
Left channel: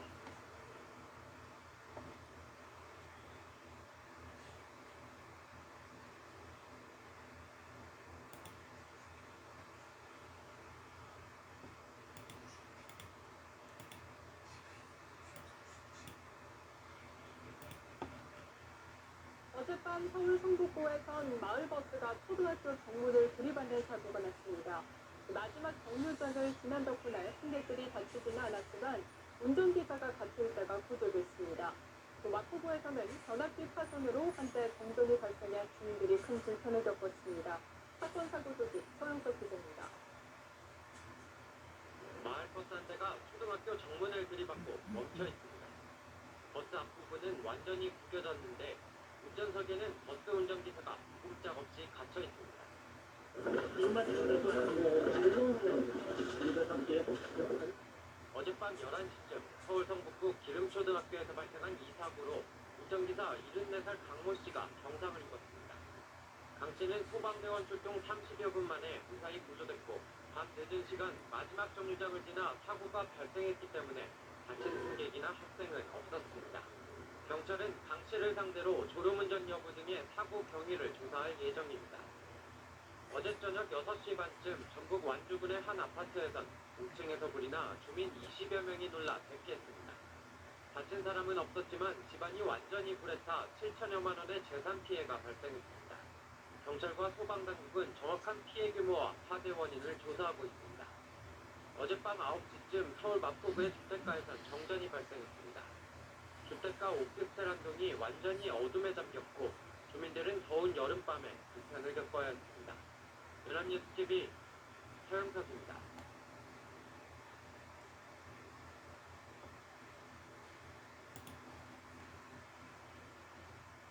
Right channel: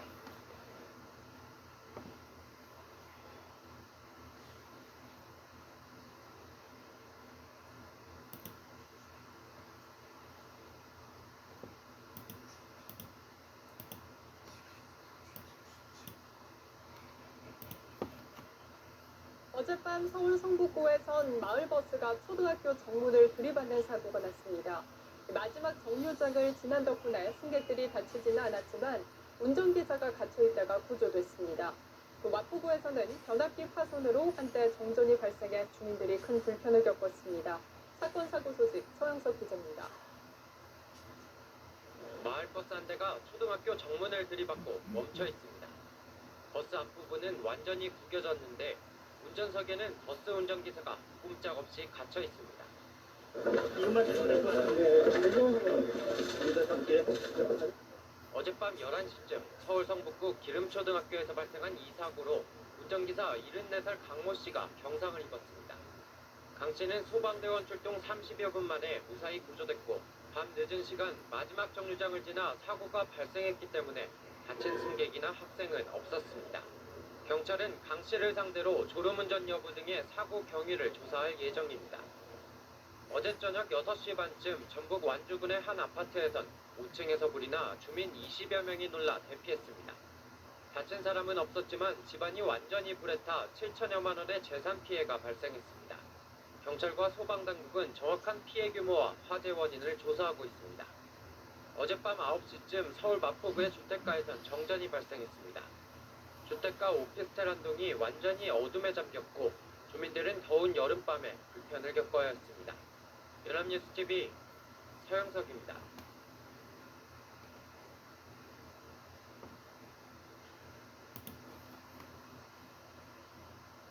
어젯밤 서울 성북구에선 마을버스가 초등학교 정문을 들이받는 사고가 났습니다. 마지막 정류장을 지난 덕분에 승객들이 다치지는 않았지만 운전기사가 갇혀있다가 구조됐습니다. 마포구에서는 변압기 파손으로 한때 정전이 발생해 주민들이 큰 불편을 겪었습니다. 사건 사고 소식 서영석 기자입니다. 마을버스 한 대가 초등학교 정문을 들이받고 멈춰 있습니다. 버스 앞부분은 완전히 구겨졌는데 운전석에는 버스 운전기사가 꼼짝없이 갇혀 있습니다. 어젯밤 11시쯤 서울 성북구 기름초등학교에서 발생한 이 사고로 운전기사 74살 강모 씨가 경상을 입었습니다. 강 씨는 소방대원 출동 30여 분 만에 무사히 구조됐고 밤 늦은 시간 마지막 정류장을 지나 사고가 발생했기 때문에 다친 승객이나 학생은 없었습니다. 경찰은 강 씨를 상대로 졸음운전 여부 등의 사고 경위를 조사할 예정입니다. 어제 저녁 6시 반쯤 전북 완주군의 한 아파트에선 5층에서 불이 나 주민 20여 명이 놀라 대피했습니다. 다친 사람은 없었지만 집안이 완전히 불에 타 7천여만 원의 재산 피해가 발생했습니다. 경찰과 소방당국은 정확한 피해 규모와 화재 원인을 조사하고 있습니다. 어젯밤 9시쯤 서울 마포구의 주택가에선 정전이 발생했습니다. 주택가 오피스텔 한 동이 완전히 어둠에 잠겼고 주민들은 더운 여름밤에 불편을 겪어야 했습니다. 연합뉴스TV 서영석입니다.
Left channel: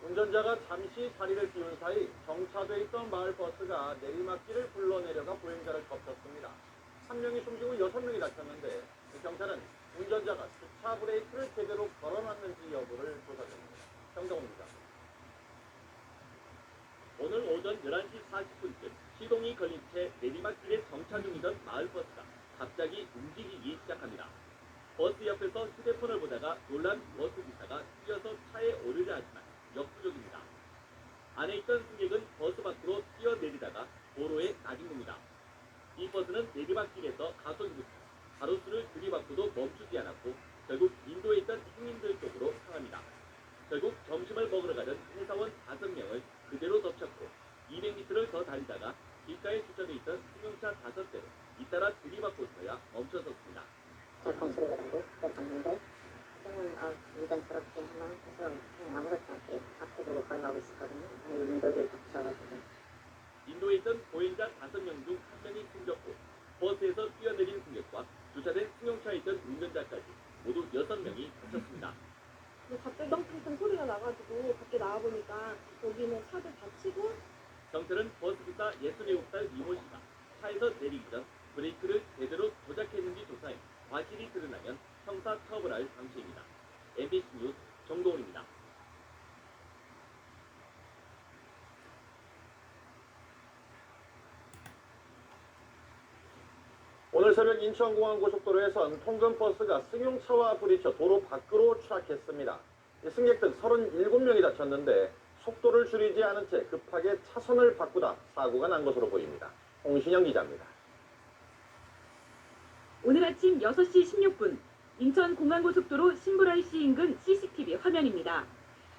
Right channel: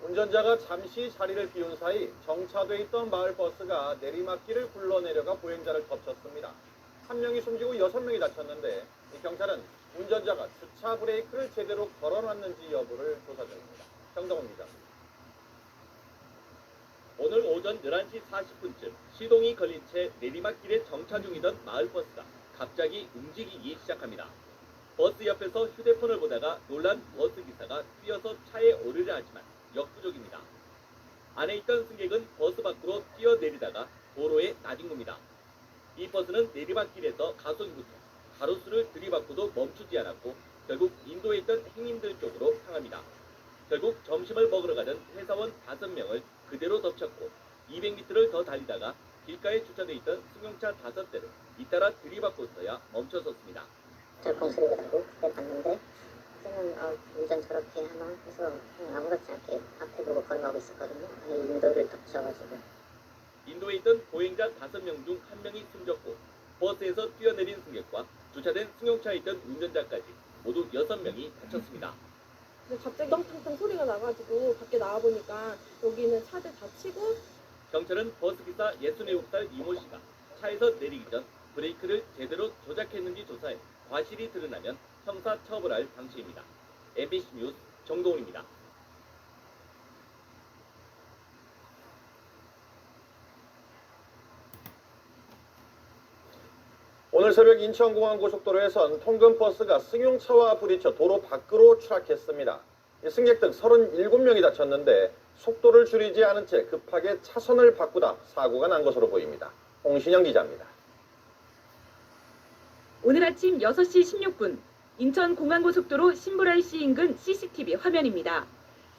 운전자가 잠시 자리를 비운 사이 정차돼 있던 마을버스가 내리막길을 굴러내려가 보행자를 덮쳤습니다. 3명이 숨지고 6명이 다쳤는데 경찰은 운전자가 주차 브레이크를 제대로 걸어놨는지 여부를 조사 중입니다. 정동훈 기자. 오늘 오전 11시 40분쯤 시동이 걸린 채 내리막길에 정차 중이던 마을버스가 갑자기 움직이기 시작합니다. 버스 옆에서 휴대폰을 보다가 놀란 버스기사가 뛰어서 차에 오르려 하지만 역부족입니다. 안에 있던 승객은 버스 밖으로 뛰어내리다가 도로에 나진 겁니다. 이 버스는 내리막길에서 가속부터 가로수를 들이받고도 멈추지 않았고 결국 인도에 있던 행인들 쪽으로 향합니다. 결국 점심을 먹으러 가던 회사원 5명을 그대로 덮쳤고 200m를 더 달리다가 길가에 주차돼 있던 승용차 5대를 잇따라 들이받고서야 멈춰섰습니다. 저 소리가 나고 그때 봤는데 저는 운전 저렇게 하나 해서 그냥 아무렇지 않게 앞에 보고 걸어가고 있었거든요. 인도를 덮쳐가지고. 인도에 있던 보행자 5명 중 1명이 숨졌고 버스에서 뛰어내린 승객과 주차된 승용차에 있던 운전자까지 모두 6명이 다쳤습니다. 갑자기 덩텅텅 소리가 나가지고 밖에 나와보니까 여기는 차들 다치고. 경찰은 버스기사 67살 이모 씨가 차에서 내리기 전 브레이크를 제대로 조작했는지 조사해 과실이 드러나면 형사 처벌할 방침입니다. MBC 뉴스 정동훈입니다. 오늘 오늘 새벽 인천공항고속도로에선 통근버스가 승용차와 부딪혀 도로 밖으로 추락했습니다. 승객 등 37명이 다쳤는데 속도를 줄이지 않은 채 급하게 차선을 바꾸다 사고가 난 것으로 보입니다. 홍신영 기자입니다. 오늘 아침 6시 16분 인천공항고속도로 신불RC 인근 CCTV 화면입니다.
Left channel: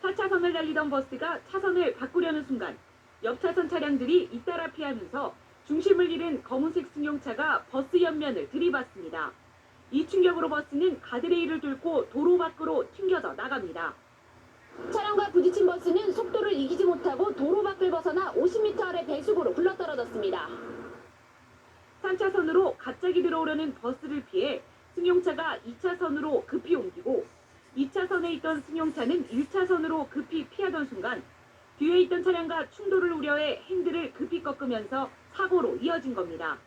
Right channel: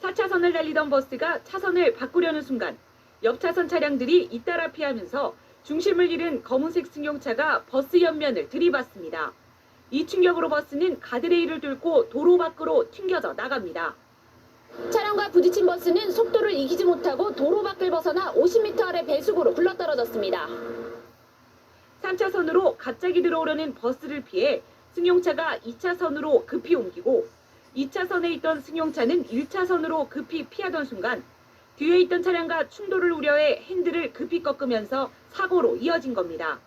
4차선을 달리던 버스가 차선을 바꾸려는 순간 옆 차선 차량들이 잇따라 피하면서 중심을 잃은 검은색 승용차가 버스 옆면을 들이받습니다. 이 충격으로 버스는 가드레일을 뚫고 도로 밖으로 튕겨져 나갑니다. 차량과 부딪힌 버스는 속도를 이기지 못하고 도로 밖을 벗어나 50m 아래 배수구로 굴러떨어졌습니다. 3차선으로 갑자기 들어오려는 버스를 피해 승용차가 2차선으로 급히 옮기고 2차선에 있던 승용차는 1차선으로 급히 피하던 순간 뒤에 있던 차량과 충돌을 우려해 핸들을 급히 꺾으면서 사고로 이어진 겁니다.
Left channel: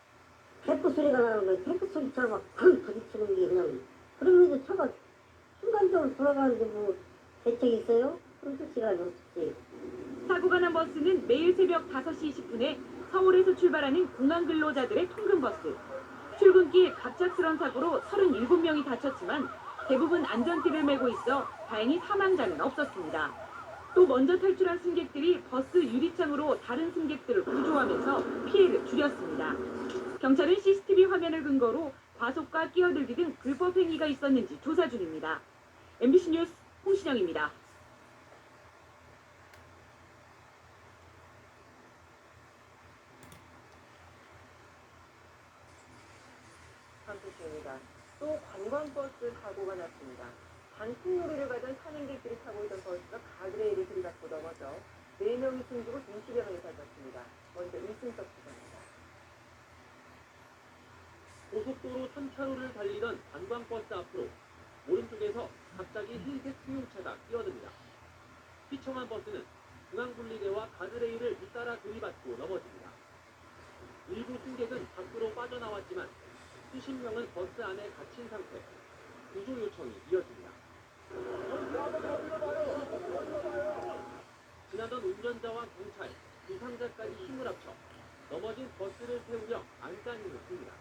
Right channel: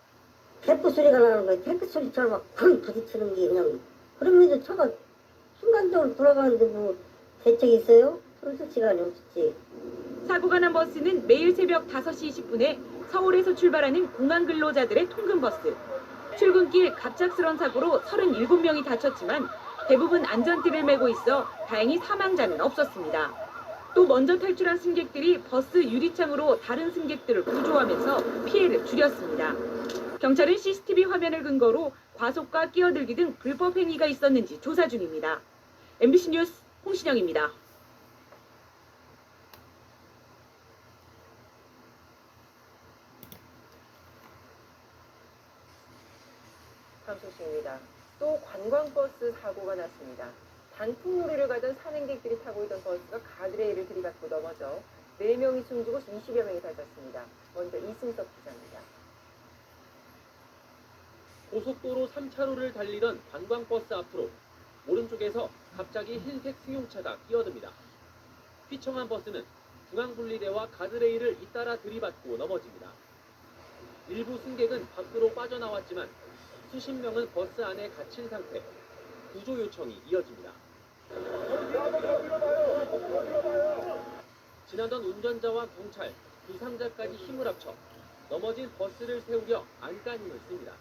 탱크 소리가 나는 거야. 탱크 소리처럼 막 쿵 부딪히는 게 그냥. 그러면서 차가 순간적으로 돌아가는데 뭐 대책이 있어요? 그럴 시간이 없지. 사고가 난 버스는 매일 새벽 5시 20분에 서울에서 출발하는 공항 근로자들의 통근버스. 출근길 갑작스런 사고로 37명이 다쳤지만 대부분 안전띠를 메고 있어 다행히 사망자는 없었습니다. 또 먼저 탈출한 승객들이 버스 유리창으로 다른 승객들을 구조하면서 피해를 줄였습니다. 경찰은 CCTV 화면을 근거로 과속과 끼어들기 등 불법 행위가 있었는지 조사 중입니다. MBC 뉴스 홍신영입니다. 다음 소식입니다. 또 관광버스 사고가 났습니다. 단풍놀이를 가던 산행객들이 타고 있던 버스가 가드레일을 들이받고 넘어져 4명이 숨지고 20여 명이 다쳤습니다. 먼저 이승석 기자입니다. 고속도로 3차로를 달리던 관광버스 앞으로 오른쪽에서 갑자기 흰색 승용차가 끼어듭니다. 휘청한 버스는 중앙분리대와 가드레일을 잇따라 들이받고 넘어집니다. 일부 승객은 밖으로 빠져나왔지만 수십 명은 버스 안에 갇힌 상태. 구조 요청이 이어집니다. 지나던 운전자와 경찰, 부상자까지 힘을 합쳐 넘어진 버스를 세우려 안간힘을 씁니다.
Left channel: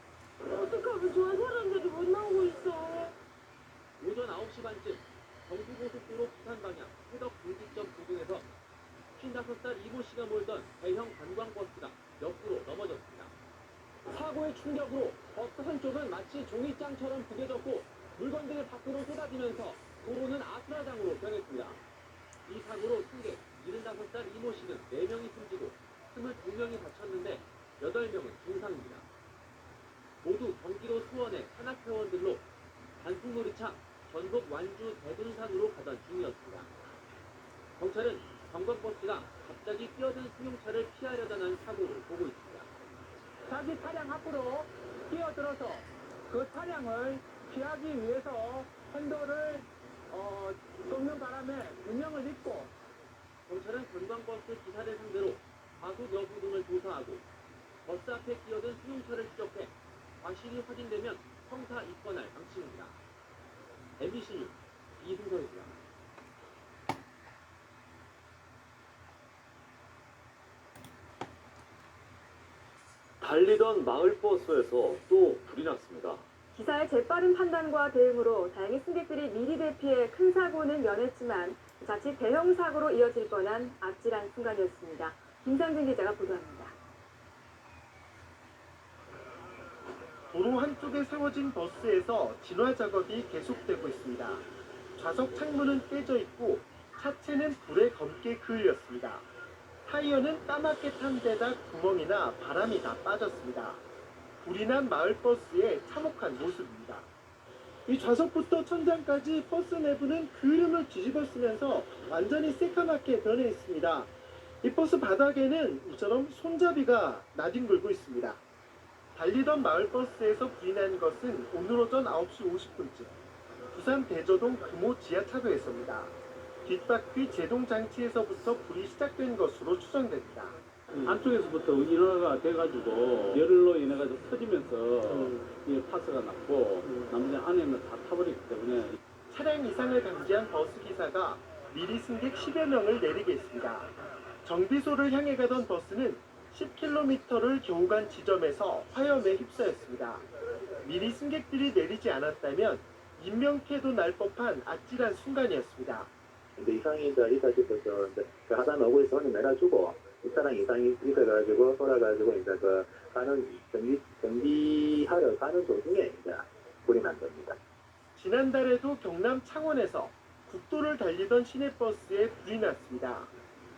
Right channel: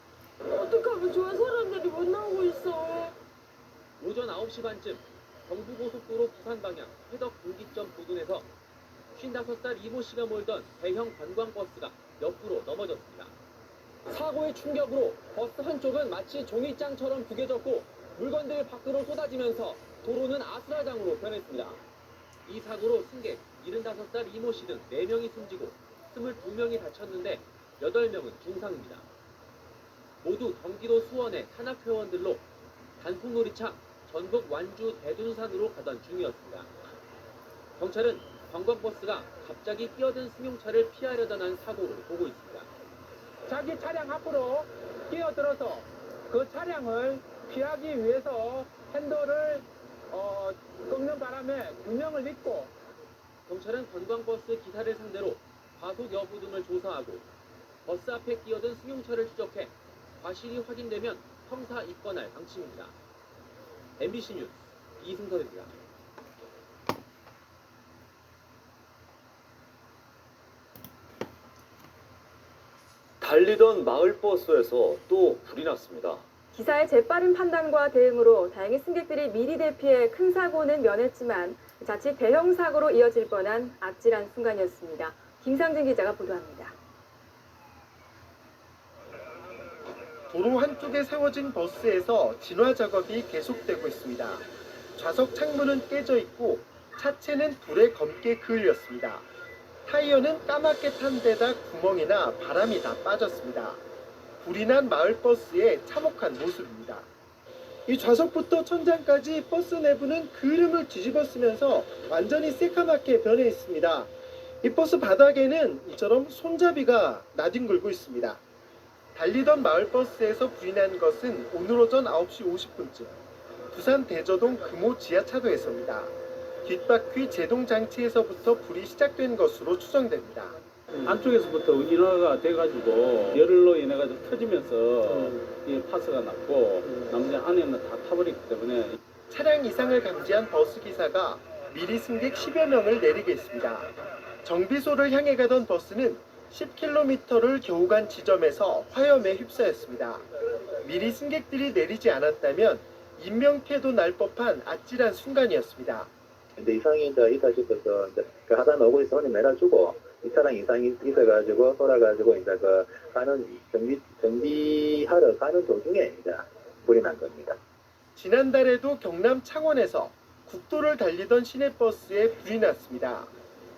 어떡하면 좋은 사람들이 못 나오고 있어. 오전 9시 반쯤 경부고속도로 부산 방향 해덕 분기점 부근에서 55살 이모 씨가 몰던 대형 관광버스가 옆으로 넘어졌습니다. 사고의 충격으로 버스 한쪽은 마치 종이장처럼 구겨졌고 물건들이 밖으로 쏟아지면서 도로는 아수라장으로 변했습니다. 이 사고로 승객 75살 이모 씨는 4명이 숨지고 22명이 다쳤는데 8명은 중상입니다. 모두 경기도 수원의 산악회원들로 단풍놀이차 전북 완주 대둔산으로 가던 중이었습니다. 경찰은 관광버스가 갑자기 뛰어든 승용차를 피하려다 난 사고로 보고 있습니다. 자기 차량 앞으로 뛰어들어서 그 차량을 피하기 위해서 핸들을 꺾는 바람에 2명을 잊고 경찰은 관광버스 기사를 상대로 과속 여부 등을 조사하고 버스 앞에 끼어든 승용차를 추적해 과실이 확인되면 형사 입건할 방침입니다. MBC 뉴스 이승설입니다. 달리던 마을버스에서 또 불이 났습니다. 기사의 재빠른 판단과 대응으로 다행히 승객들이 미리 대피해 큰 사고는 면했지만 자칫 대형 사고로 이어질 뻔한 아찔한 순간이었습니다. 김상진 기자가 보도합니다. 도로 한쪽에 세워진 버스에서 진화 작업이 계속되고 있습니다. 좌석 창문은 깨져 있고 차체는 불에 검게 그을렸습니다. 타이어는 까맣게 탄 데다 구멍이나 바람이 다 빠졌습니다. 불이 난 마을버스의 참혹한 모습입니다. 이 좌석부터 천장까지 버스 내부는 그름을 뒤집어쓰면서 완전히 새까맣게 변해 있습니다. 이 버스 바닥에는 이처럼 손잡이가 나뒹굴고 있습니다. 달리던 마을버스에서 불이 난 것은 오늘 오전 9시 50분쯤 부산 대저동 금호 지하차도에서입니다. 뒷바퀴 제동장치에서부터 불이 시작된 것으로 추정됩니다. 안쪽에서부터 인화가 돼가지고 열로 인해가지고 터지면서 이 파스가 났고 나머지 안에는 다 타버렸기 때문에 차량 이상을 감지한 버스기사가 미리 승객 10여 명을 내리게 했습니다. 정비소를 향해 가던 버스는 10km를 겨우 간 지점에서 화염에 휩싸였습니다. 미리 승객들이 내리지 않았다면 인명피해도 날 법한 아찔한 순간이었습니다. 근데 이상이 있다 싶어서 그 하단 오고 있으면 내려주고 이 차량 이상이 있어가지고 돌아가지고 이제 그 가는 정비하러 가는 도중에 이제 불이 난 겁니다. 지난달에도 경남 창원에서 국도를 달리던 시내버스에 불이 났습니다.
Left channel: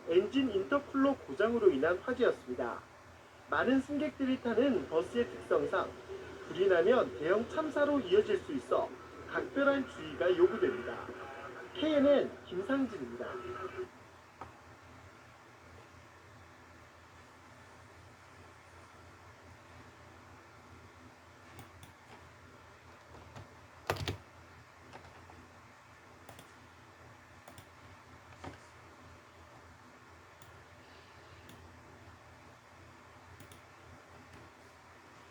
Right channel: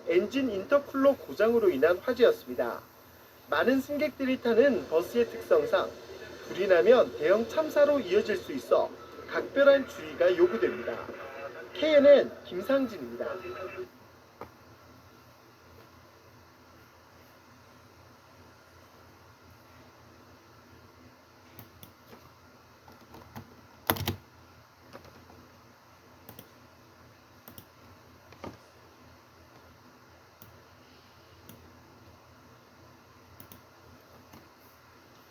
엔진 인터쿨러 고장으로 인한 화재였습니다. 많은 승객들이 타는 버스의 특성상 불이 나면 대형 참사로 이어질 수 있어 각별한 주의가 요구됩니다. KNN 김상진입니다.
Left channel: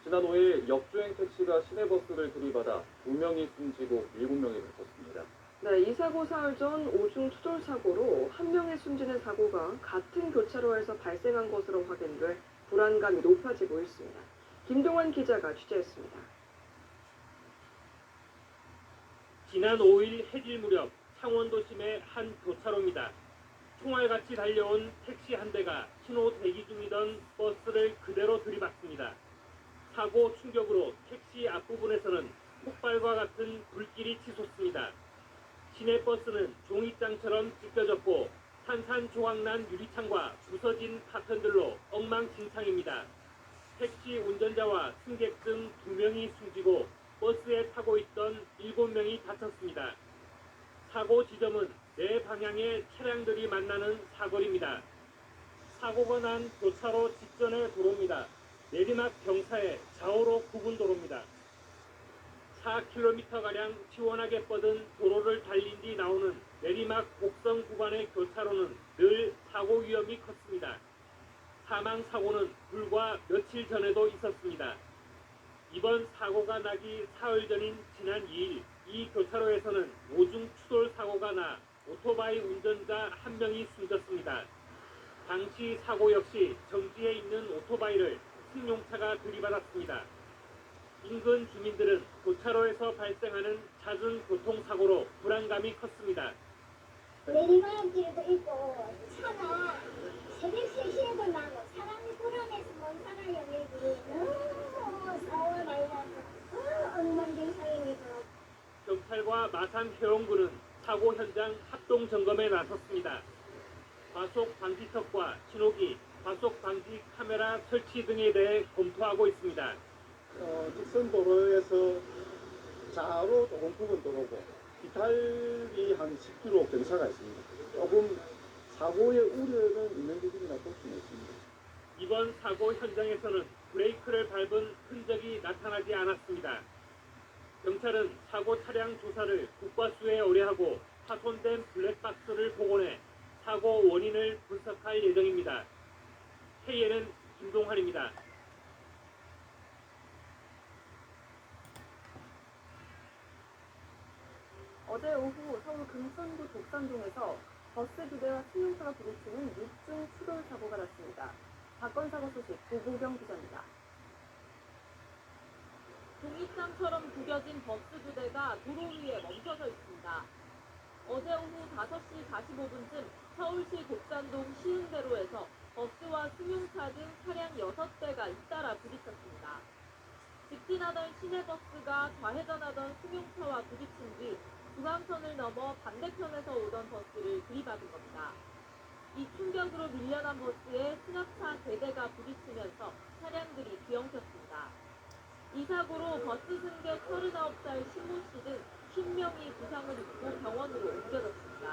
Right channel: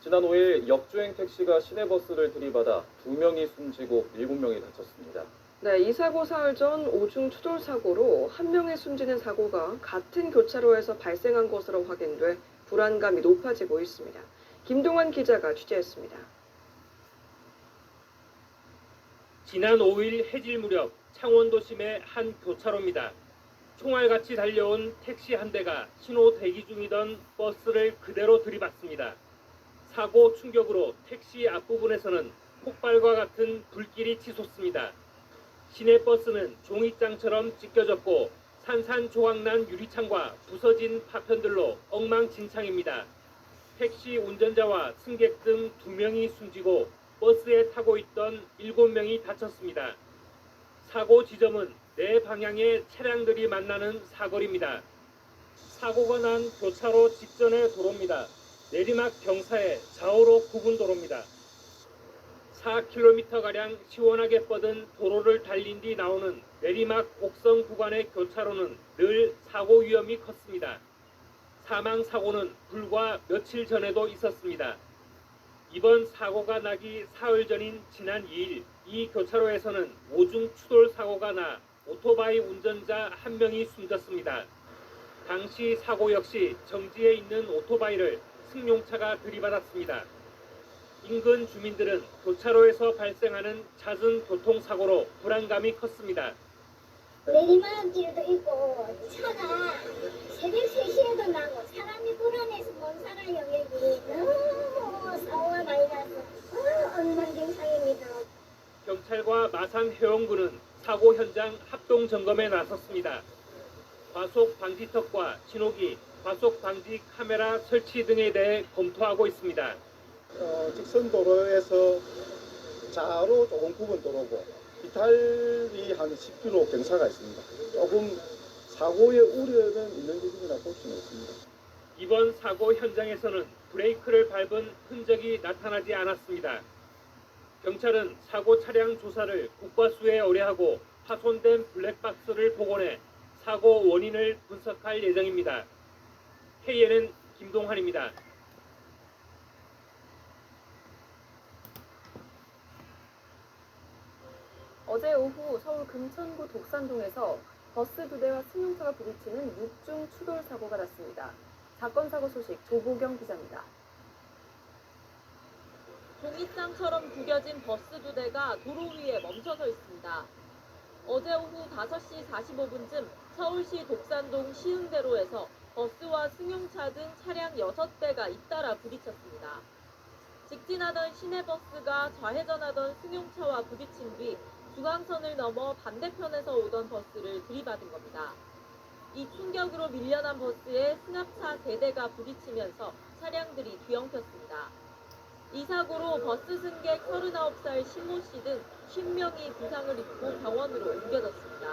지난 5일 역주행 택시가 시내버스를 들이받아 2명이 숨지고 7명이 다쳤습니다. 네, 이 사고 사흘 전 오중 추돌 사고로 한 명이 숨지는 사고가 같은 교차로에서 발생한 것으로 확인돼 불안감이 높아지고 있습니다. 김동환 기자가 취재했습니다. 지난 5일 해질 무렵 창원 도심의 한 교차로입니다. 총알같이 달려온 택시 한 대가 신호 대기 중이던 버스를 그대로 들이받습니다. 사고 충격으로 택시 앞부분에서는 폭발과 같은 불길이 치솟습니다. 시내버스는 종이장처럼 찢겨졌고 산산조각난 유리창과 부서진 파편들로 엉망진창입니다. 택시 운전자와 승객 등 2명이 숨지고 버스에 타고 있던 7명이 다쳤습니다. 사고 지점은 네 방향의 차량들이 만나는 사거리입니다. 사고가 난 교차로 직전의 도로입니다. 내리막 경사의 좌우로 구분 도로입니다. 4km가량 시원하게 뻗은 도로를 달린 뒤 나오는 내리막 곡선 구간의 교차로는 늘 사고 위험이 컸습니다. 사망 사고는 불과 며칠 전에도 있었습니다. 이번 사고가 나기 사흘 전인 지난 2일 이 교차로에서는 오중 추돌 사고가 나 오토바이 운전자 1명이 숨졌습니다. 당시 사고 역시 정지해 있는 오토바이를 승용차가 들이받았습니다. 인근 주민들은 교차로에서 발생하는 잦은 교통사고로 불안감이 컸습니다. 내리막길도 있고 차가 새벽 3시에도 나고 사람이 불안해서 못 살아요. 여기 너무 사고가 많이 나서 엉망진창입니다. 경찰과 마산 해운군은 사고 현장 합동 점검에 나섰습니다. 과속 방지턱과 신호기, 과속 방지 카메라 설치 등에 대해 검토하고 있습니다. 직선 도로에서 좌로 조금 굽은 도로고 이탈이 한 10km 경사가 있습니다. 조금 사고의 우려는 있는 부분이라 볼 수는 있습니다. 이번 사고 현장에서는 브레이크를 밟은 흔적이 나타나지 않았습니다. 경찰은 사고 차량 조사를 국과수에 의뢰하고 파손된 블랙박스를 복원해 사고 원인을 분석할 예정입니다. KNN 김동환입니다. 어제 오후 서울 금천구 독산동에서 버스 2대와 승용차가 부딪히는 6중 추돌 사고가 났습니다. 사건 사고 소식 조보경 기자입니다. 종이장처럼 구겨진 버스 2대가 도로 위에 멈춰서 있습니다. 어제 오후 5시 45분쯤 서울시 독산동 시흥대로에서 버스와 승용차 등 차량 6대가 잇따라 부딪혔습니다. 직진하던 시내버스가 좌회전하던 승용차와 부딪힌 뒤 중앙선을 넘어 반대편에서 오던 버스를 들이받은 겁니다. 이 충격으로 밀려난 버스에 승합차 3대가 부딪히면서 차량들이 뒤엉켰습니다. 이 사고로 버스 승객 39살 신모 씨 등 50명이 부상을 입고 병원으로 옮겨졌습니다.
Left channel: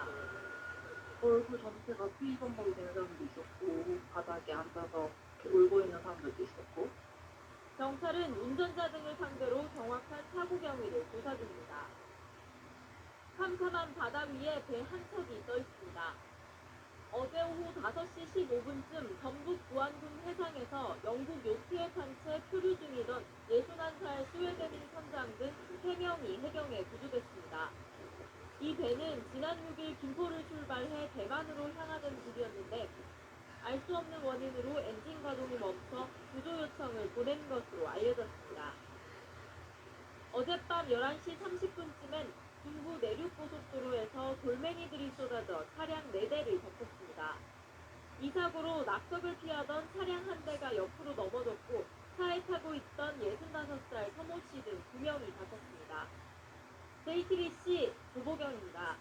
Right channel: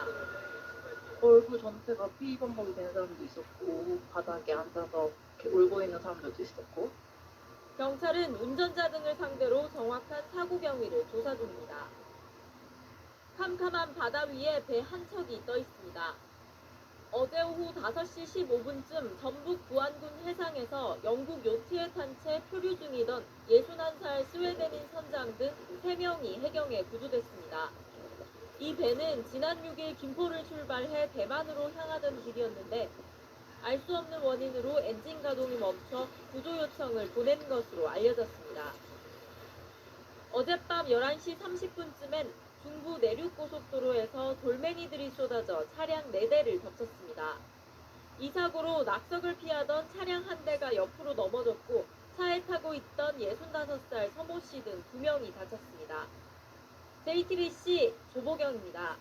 얼굴 전체가 피범벅이 된 사람도 있었고 바닥에 앉아서 이렇게 울고 있는 사람들도 있었고. 경찰은 운전자 등을 상대로 정확한 사고 경위를 조사 중입니다. 캄캄한 바다 위에 배 한 척이 떠 있습니다. 어제 오후 5시 15분쯤 전북 부안군 해상에서 영국 요트에 탄 채 표류 중이던 61살 스웨덴인 선장 등 3명이 해경에 구조됐습니다. 이 배는 지난 6일 김포를 출발해 대만으로 향하던 길이었는데 알 수 없는 원인으로 엔진 가동이 멈춰 구조 요청을 보낸 것으로 알려졌습니다. 어젯밤 11시 30분쯤엔 중부 내륙고속도로에서 돌멩이들이 쏟아져 차량 4대를 덮쳤습니다. 이 사고로 낙석을 피하던 차량 한 대가 옆으로 넘어졌고 차에 타고 있던 65살 서모 씨 등 2명이 다쳤습니다. JTBC 조보경입니다.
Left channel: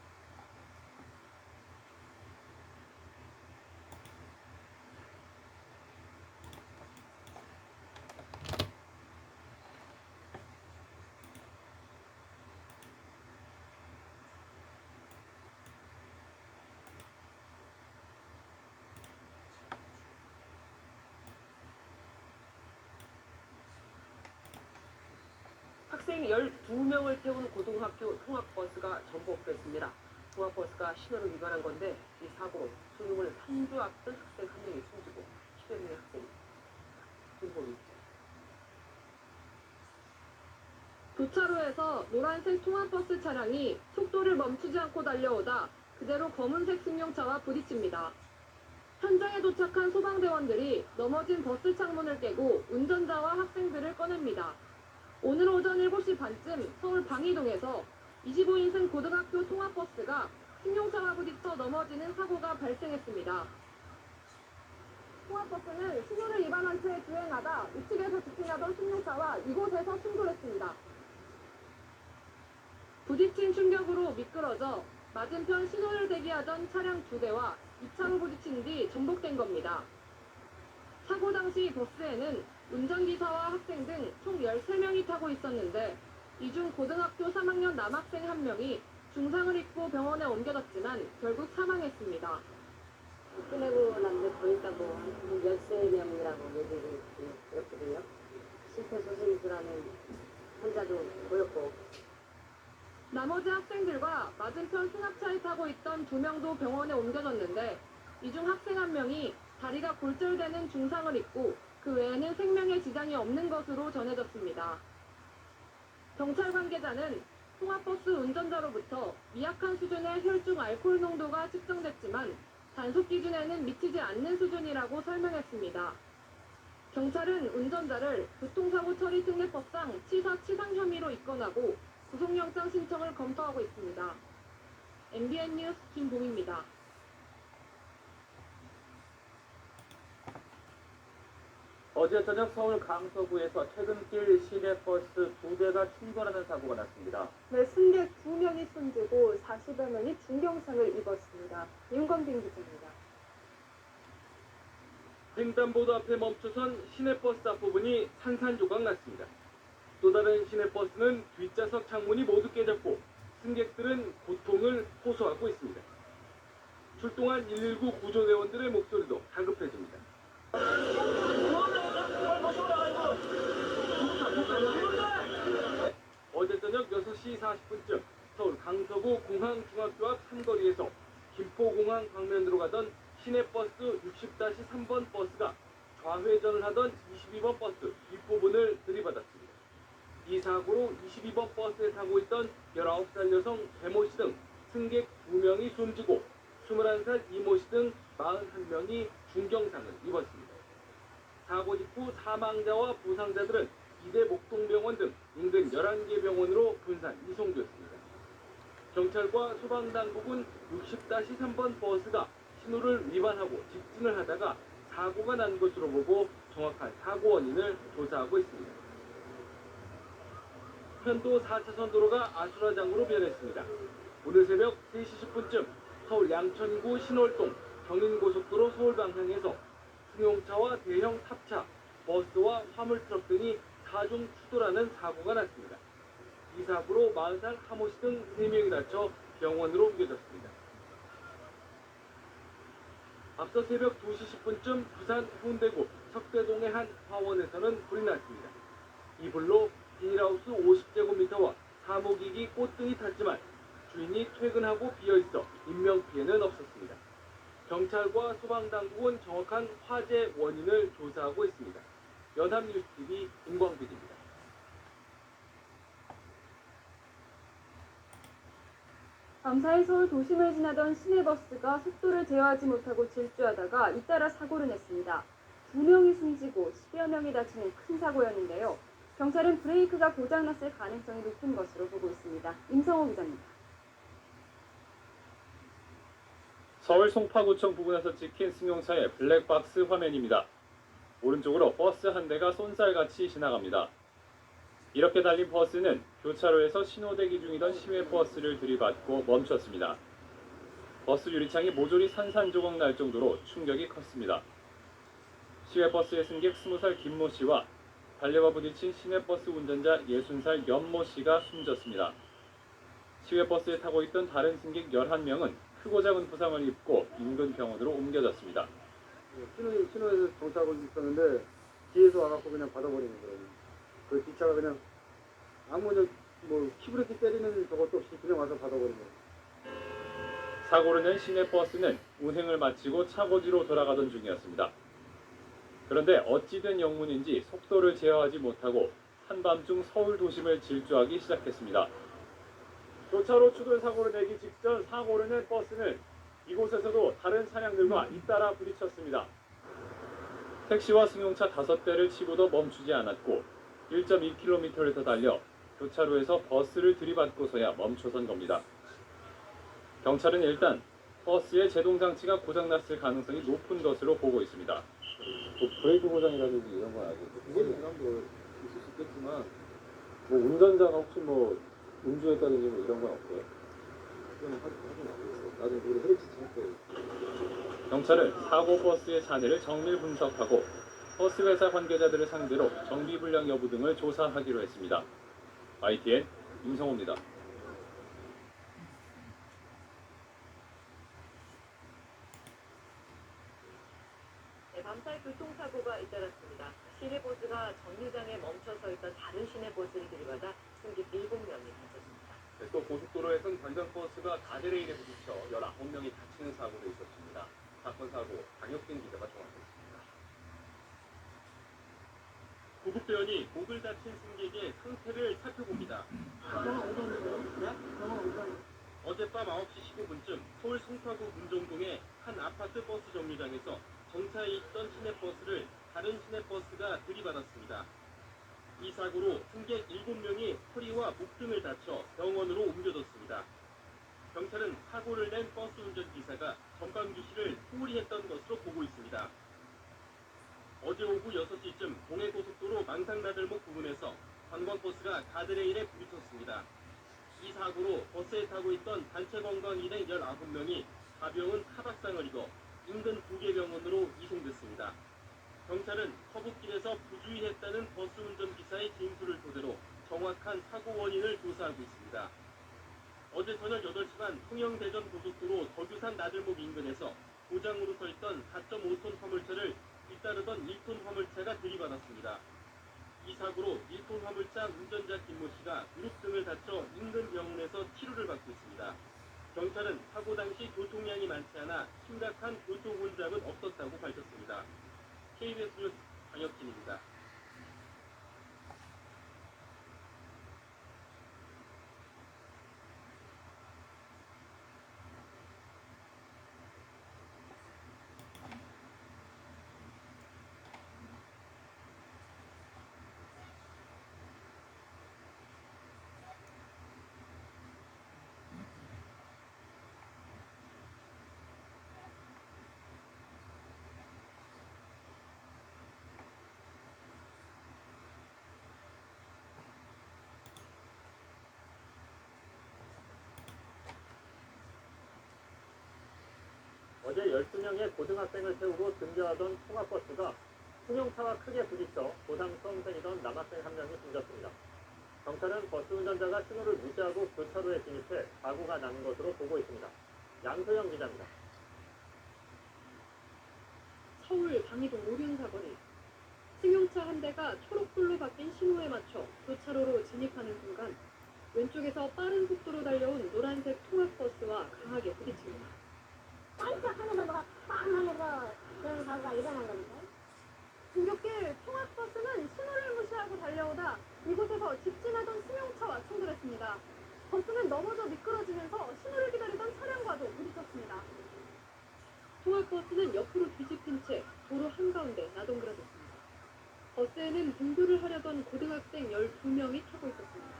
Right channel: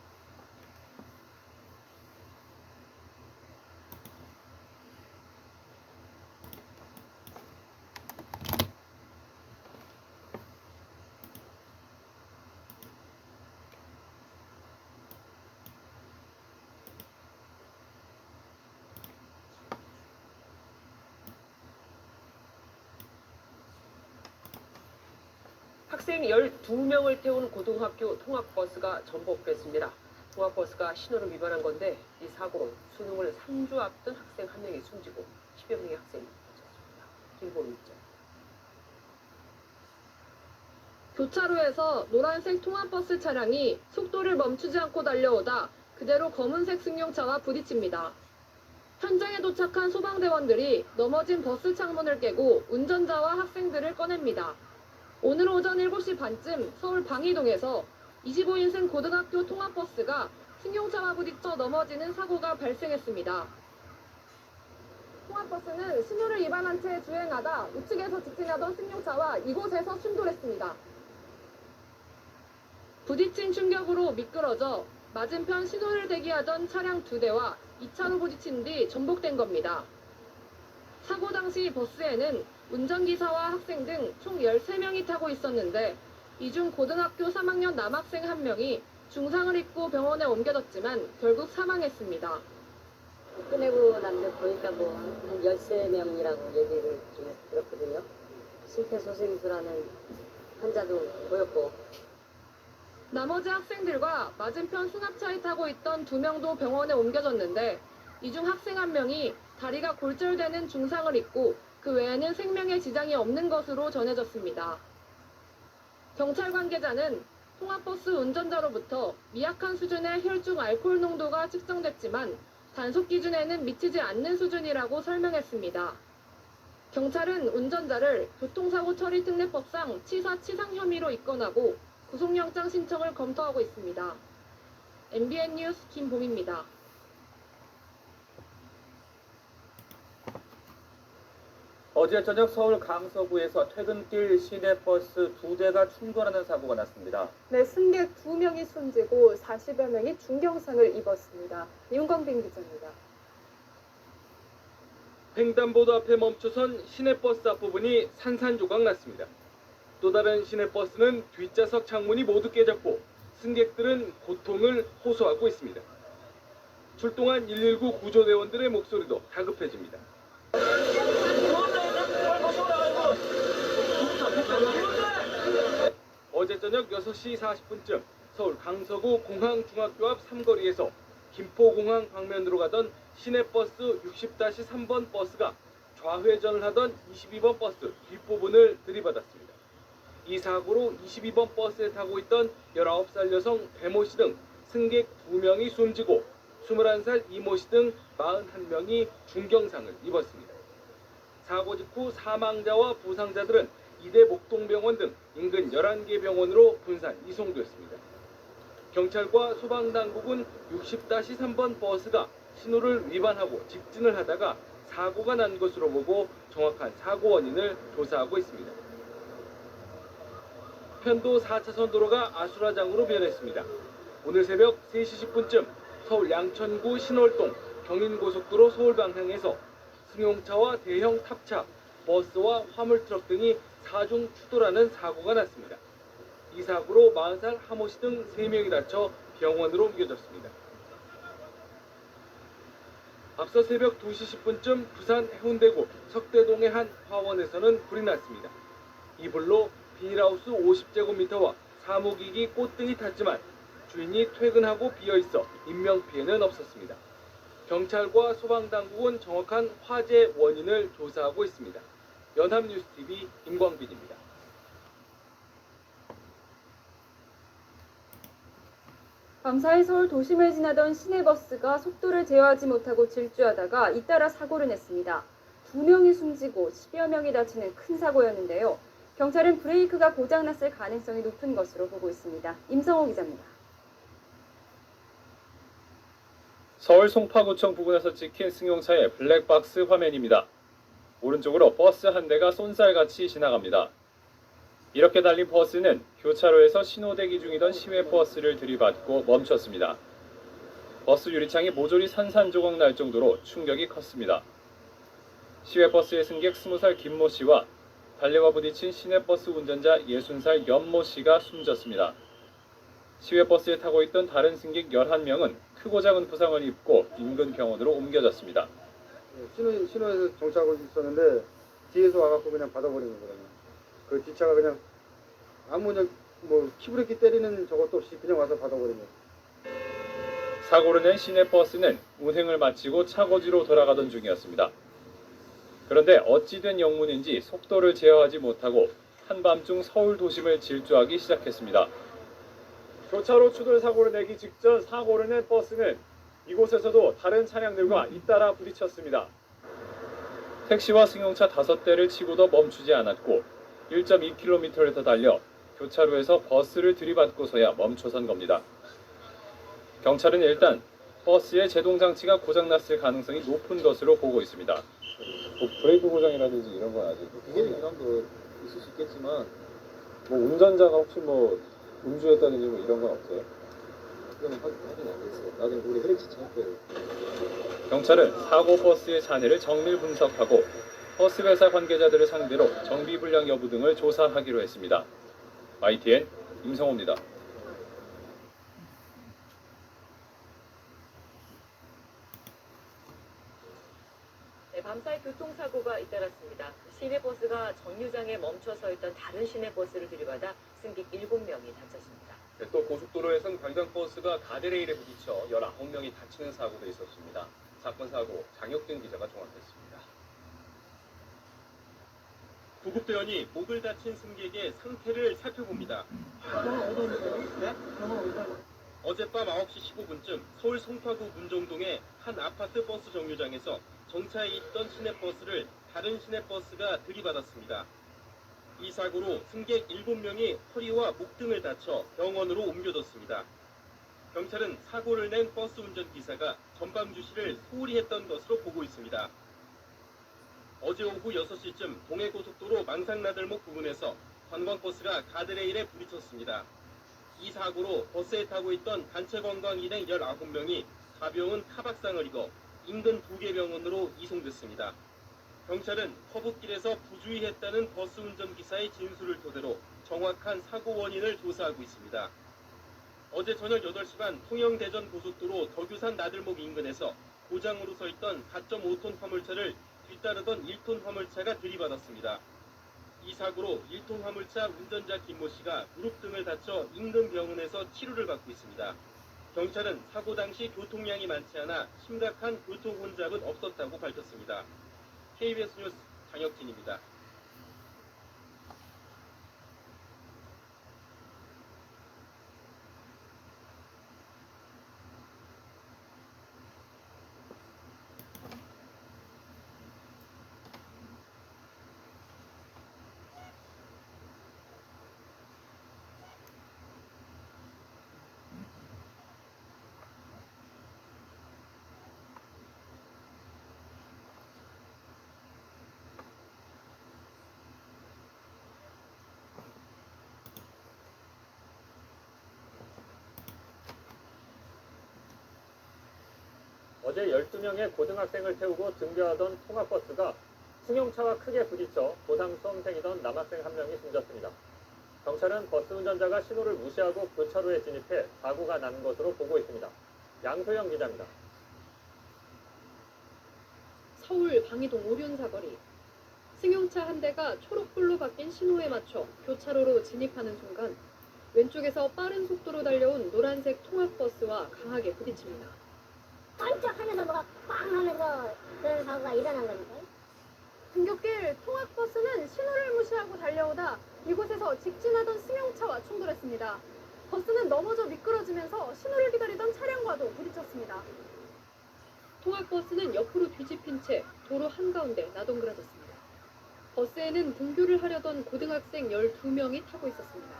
학생 12명을 태운 고등학교 통학버스가 전복됐습니다. 통학버스가 신호를 위반한 건데 이 사고로 수능을 3주 앞둔 학생 1명이 숨지고 10여 명의 학생이 다쳤습니다. 김보미 기자. 교차로에서 노란색 통학버스 차량이 속도를 멈추지 않고 달려오다 그대로 검은색 승용차와 부딪힙니다. 현장에 도착한 소방대원들이 넘어진 버스 창문을 깨고 운전자와 학생들을 꺼냅니다. 오늘 오전 7시 반쯤 서울 방이동에서 25인승 고등학교 통학버스가 승용차와 부딪혀 넘어지는 사고가 발생했습니다. 통학버스는 신호를 위반한 채 주행하다 우측에서 직진하던 승용차와 이곳에서 충돌했습니다. 부딪힌 충격으로 미끄러져 맞은편 신호를 대기하던 차량 2대와 2차로 부딪힌 뒤 전복된 겁니다. 사고 당시 버스에는 운전기사와 학생 등 총 13명이 타고 있었는데 이 중 고등학교 3학년 남학생 1명이 중상을 입고 병원에 옮겨졌지만 결국 사망했습니다. 끝내고 남들 보니까 한 13명이라고 얘기를 좀 들었거든요. 심폐소생술하는 환자도 보였고. 나머지 학생들과 맞은편 승합차에 타고 있던 2명도 병원에 옮겨졌는데 이 중 학생 1명이 다리가 골절되는 중상을 입고 그 외에는 생명에 지장이 없는 것으로 전해졌습니다. 경찰 관계자는 통학버스 운전자로부터 미약한 수준의 혈중 알코올 농도가 측정됐지만 단속 기준에는 미치지 않는 수준이라고 설명했습니다. 경찰은 운전자를 교통사고 처리 특례법상 치사 치상 혐의로 입건하고 구속영장 신청을 검토하고 있습니다. MBN 뉴스 김봉입니다. 어제 저녁 서울 강서구에서 퇴근길 시내버스 2대가 충돌하는 사고가 났습니다. 네, 승객 2명이 숨지고 40여 명이 중경상을 입었습니다. 윤건빈 기자입니다. 횡단보도 앞에 멈춰선 시내버스 앞부분이 산산조각 났습니다. 또 다른 시내버스는 뒷좌석 창문이 모두 깨졌고 승객들은 고통을 호소하고 있습니다. 출동한 119 구조대원들의 목소리도 다급해집니다. 어제 저녁 6시 40분쯤 서울 강서구 공항중학교 앞 삼거리에서 김포공항 방면으로 가던 시내버스 60-3번 버스가 좌회전을 하던 22번 버스 뒷부분을 들이받았습니다. 이 사고로 22번 버스에 타고 있던 19살 여성 배모 씨 등 승객 2명이 숨지고 21살 이모 씨 등 41명이 중경상을 입었습니다. 사고 직후 사망자와 부상자들은 이대 목동병원 등 인근 11개 병원으로 분산 이송되었습니다. 경찰과 소방당국은 60-3번 버스가 신호를 위반하고 직진을 하다가 사고가 난 것으로 보고 정확한 사고 원인을 조사하고 있습니다. 편도 4차선 도로가 아수라장으로 변했습니다. 오늘 새벽 3시 10분쯤 서울 양천구 신월동 경인고속도로 서울 방향에서 승용차와 대형 탑차, 버스와 화물트럭 등이 사중 추돌하는 사고가 났습니다. 이 사고로 40살 하모 씨 등 3명이 다쳐 병원으로 옮겨졌습니다. 앞서 새벽 2시 10분쯤 부산 해운대구 석대동의 한 화원에서는 불이 났습니다. 이 불로 비닐하우스 50제곱미터와 사무기기 꽃등이 탔지만 주인이 퇴근하고 비어있어 인명피해는 없었습니다. 경찰과 소방당국은 정확한 화재 원인을 조사하고 있습니다. 연합뉴스TV 임광빈입니다. 밤사이 서울 도심을 지나던 시내버스가 속도를 제어하지 못하고 질주하다가 잇따라 사고를 냈습니다. 2명이 숨지고 10여 명이 다치는 큰 사고였는데요. 경찰은 브레이크가 고장났을 가능성이 높은 것으로 보고 있습니다. 임성호 기자입니다. 서울 송파구청 부근에서 찍힌 승용차의 블랙박스 화면입니다. 오른쪽으로 버스 한 대가 쏜살같이 지나갑니다. 이렇게 달린 버스는 교차로에서 신호대기 중이던 시외버스를 들이받고 멈췄습니다. 버스 유리창이 모조리 산산조각 날 정도로 충격이 컸습니다. 시외버스의 승객 20살 김모 씨와 달려가 부딪힌 시내버스 운전자 60살 연모 씨가 숨졌습니다. 시외버스에 타고 있던 다른 승객 11명은 크고 작은 부상을 입고 인근 병원으로 옮겨졌습니다. 신호에서 정차하고 있었는데 뒤에서 와갖고 그냥 받아버리는 거예요. 그 뒷차가 그냥 아무 키브레이크 때리는 저것도 없이 그냥 와서 받아버리는 거예요. 사고를 낸 시내버스는 운행을 마치고 차고지로 돌아가던 중이었습니다. 그런데 어찌된 영문인지 속도를 제어하지 못하고 한밤중 서울 도심을 질주하기 시작했습니다. 교차로 추돌 사고를 내기 직전 사고를 낸 버스는 이곳에서도 다른 차량들과 잇따라 부딪혔습니다. 택시와 승용차 5대를 치고도 멈추지 않았고 1.2km를 더 달려 교차로에서 버스를 들이받고서야 멈춰선 겁니다. 경찰은 일단 버스의 제동장치가 고장났을 가능성이 높은 것으로 보고 있습니다. 브레이크 고장이라든지 이런 건 아직 부상도 있을 수 있겠지만 운전자가 혹시 음주했다든지 이런 건 없어요? 그건 확인 안 됐어요. 나중에 우리 헬치 찰 거예요. 경찰은 사고 버스의 잔해를 정밀 분석하고 버스 회사 관계자들을 상대로 정비 불량 여부 등을 조사하기로 했습니다. ITN 임성호입니다. 밤사이 교통사고가 잇따랐습니다. 시내버스가 정류장에 멈춰서 있던 다른 시내버스를 들이받아 승객 7명이 다쳤습니다. 또 고속도로에선 관광버스가 가드레일에 부딪혀 19명이 다치는 사고도 있었습니다. 사건 사고 장혁진 기자가 종합했습니다. 구급대원이 목을 다친 승객의 상태를 살펴봅니다. 어젯밤 9시 15분쯤 서울 송파구 문정동의 한 아파트 버스 정류장에서 정차해 있던 시내버스를 다른 시내버스가 들이받았습니다. 이 사고로 승객 7명이 허리와 목 등을 다쳐 병원으로 옮겨졌습니다. 경찰은 사고를 낸 버스 운전기사가 전방 주시를 소홀히 했던 것으로 보고 있습니다. 어제 오후 6시쯤 동해고속도로 망상나들목 부근에서 관광버스가 가드레일에 부딪혔습니다. 이 사고로 버스에 타고 있던 단체 관광 일행 19명이 가벼운 타박상을 입어 인근 2개 병원으로 이송됐습니다. 경찰은 커브길에서 부주의했다는 버스 운전기사의 진술을 토대로 정확한 사고 원인을 조사하고 있습니다. 어제 저녁 8시 반 통영대전 고속도로 덕유산 나들목 인근에서 고장으로 서 있던 4.5톤 화물차를 뒤따르던 1톤 화물차가 들이받았습니다. 이 사고로 1톤 화물차 운전자 김모 씨가 무릎 등을 다쳐 인근 병원에서 치료를 받고 있습니다. 경찰은 사고 당시 교통량이 많지 않아 심각한 교통 혼잡은 없었다고 밝혔습니다. KBS 뉴스 장혁진입니다. 어제 12명의 고등학생을 태우고 등교하던 통학버스가 승용차와 크게 부딪혀 고3 수험생이던 남학생 1명이 숨졌습니다. 경찰은 버스 운전자가 신호를 무시하고 교차로에 진입해 사고가 나는 것으로 보고 있습니다. 양소영 기자입니다. 서울 방이동 오륜 사거리. 승용차 한 대가 초록불로 바뀐 신호에 맞춰 교차로로 진입하는 순간 왼쪽에서 빠른 속도로 달려온 노란색 통학버스와 강하게 부딪힙니다. 깜짝 하면서 뭐가 빵 하면서 그런 사고가 일어난 겁니다. 등굣길 통학버스는 신호를 무시하고 달려오다 이곳에서 직진하던 승용차와 충돌했습니다. 버스는 넘어져 미끄러지면서 신호를 기다리던 차량과도 부딪혔습니다. 통학버스는 옆으로 뒤집힌 채 도로 한가운데 나동그라졌습니다. 버스에는 등교를 하려던 고등학생 12명이 타고 있었습니다.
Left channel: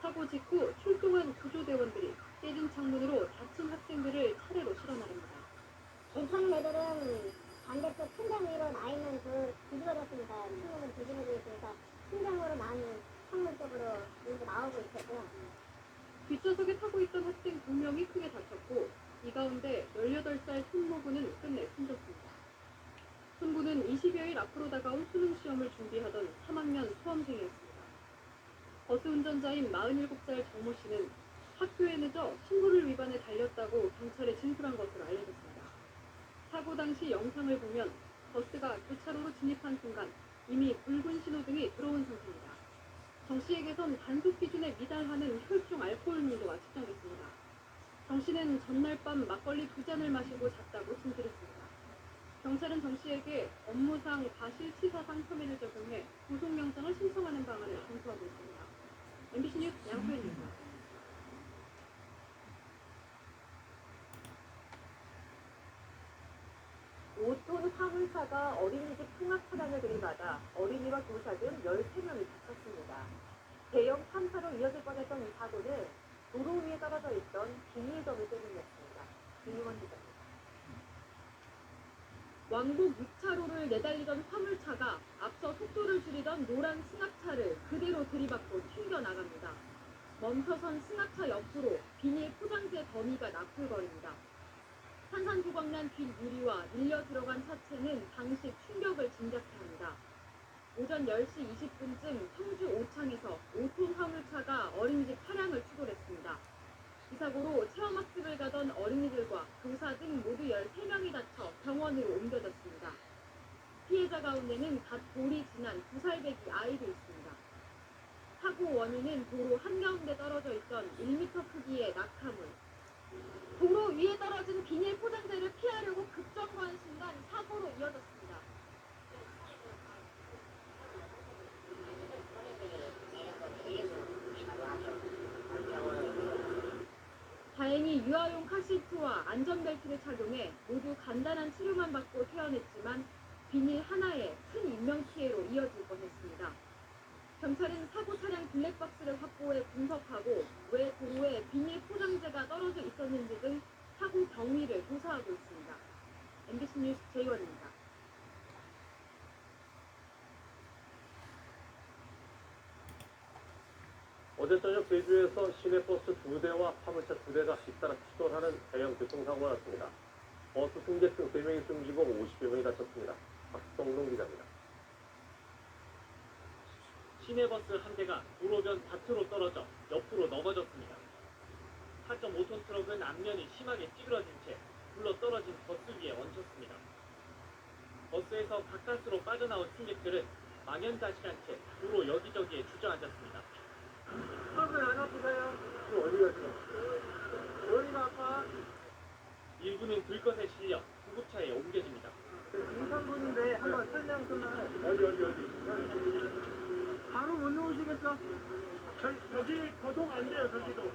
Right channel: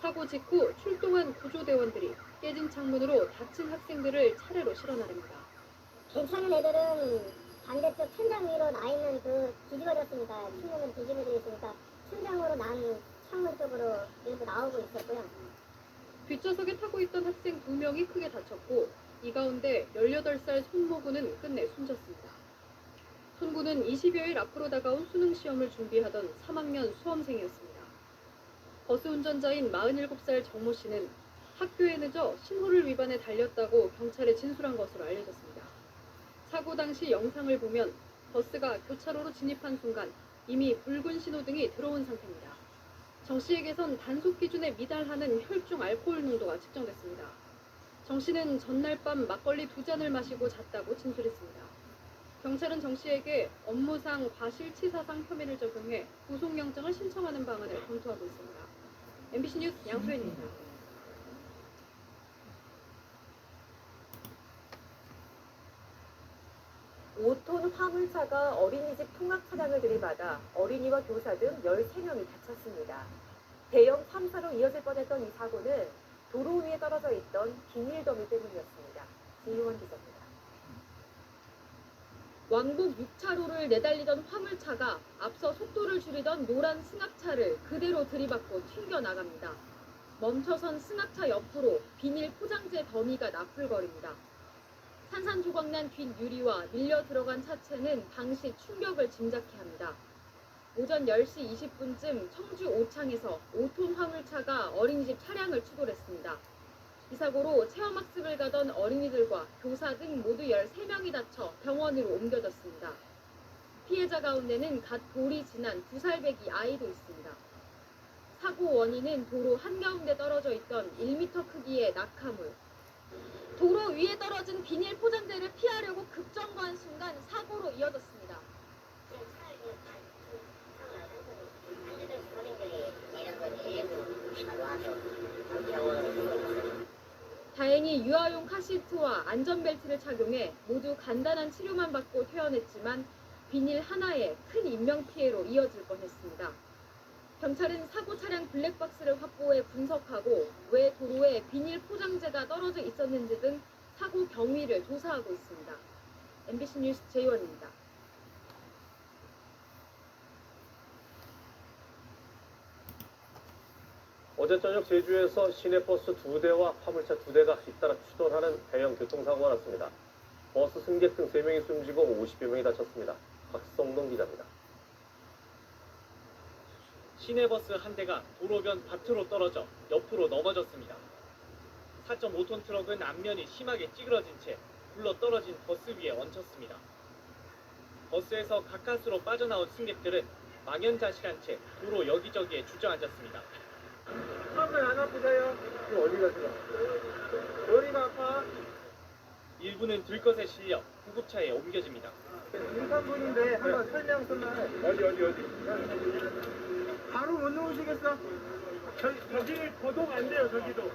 사고 직후 출동한 구조대원들이 깨진 창문으로 다친 학생들을 차례로 실어 나릅니다. 괜찮은 애들은 반대쪽 천장 위로 나 있는 그 뒤집어졌으니까 창문은 뒤집어져 있으니까 천장으로 난 창문 쪽으로 일부 나오고 있었고요. 뒷좌석에 타고 있던 학생 2명이 크게 다쳤고 이 가운데 18살 손모군은 끝내 숨졌습니다. 손군은 20여일 앞으로 다가온 수능 시험을 준비하던 3학년 수험생이었습니다. 버스 운전자인 47살 정모 씨는 학교에 늦어 신호를 위반해 달렸다고 경찰에 진술한 것으로 알려졌습니다. 사고 당시 영상을 보면 버스가 교차로로 진입한 순간 이미 붉은 신호등이 들어온 상태입니다. 정 씨에게선 단속 기준에 미달하는 혈중 알코올 농도가 측정됐습니다. 정 씨는 전날 밤 막걸리 2잔을 마시고 잤다고 진술했습니다. 경찰은 정 씨에게 업무상 과실치사상 혐의를 적용해 구속영장을 신청하는 방안을 검토하고 있습니다. MBC 뉴스 양소연입니다. 5톤 화물차가 어린이집 통학 차량을 들이받아 어린이와 교사 등 13명이 다쳤습니다. 대형 3사로 이어질 뻔했던 이 사고는 도로 위에 떨어져 있던 비닐더미 때문이었습니다. 이용원 기자입니다. 왕복 6차로를 내달리던 화물차가 앞서 속도를 줄이던 노란 승합차를 그대로 들이받고 튕겨나갑니다. 멈춰선 승합차 옆으로 비닐 포장재 더미가 나풀거립니다. 산산조각난 뒷유리와 밀려 들어간 차체는 당시 충격을 짐작케 합니다. 오전 10시 20분쯤 청주 오창에서 5톤 화물차가 어린이집 차량을 추돌했습니다. 이 사고로 체험학습을 가던 어린이들과 교사 등 모두 13명이 다쳐 병원으로 옮겨졌습니다. 피해자 가운데는 갓 돌이 지난 2살배기 아이도 있습니다. 사고 원인은 도로 한가운데 떨어져 있던 1m 크기의 낙하물. 도로 위에 떨어진 비닐 포장재를 피하려고 급정거한 순간 사고로 이어졌습니다. 다행히 유아용 카시트와 안전벨트를 착용해 모두 간단한 치료만 받고 퇴원했지만 비닐 하나에 큰 인명피해로 이어질 뻔했습니다. 경찰은 사고 차량 블랙박스를 확보해 분석하고 왜 도로에 비닐 포장재가 떨어져 있었는지 등 사고 경위를 조사하고 있습니다. MBC 뉴스 제이원입니다. 어제 저녁 제주에서 시내버스 2대와 화물차 2대가 잇따라 추돌하는 대형 교통사고가 났습니다. 버스 승객 등 3명이 숨지고 50여 명이 다쳤습니다. 박성동 기자입니다. 시내버스 한 대가 도로변 밭으로 떨어져 옆으로 넘어졌습니다. 4.5톤 트럭은 앞면이 심하게 찌그러진 채 굴러 떨어진 버스 위에 얹혔습니다. 버스에서 바깥으로 빠져나온 승객들은 망연자실한 채 도로 여기저기에 주저앉았습니다. 턱은 안 아프세요? 어디 가세요? 머리가 아파? 일부는 들것에 실려 구급차에 옮겨집니다. 임산부인데 한번 설명 좀 해. 어디? 바로 못 놓으시겠어? 저기 거동 안 돼요, 저기도.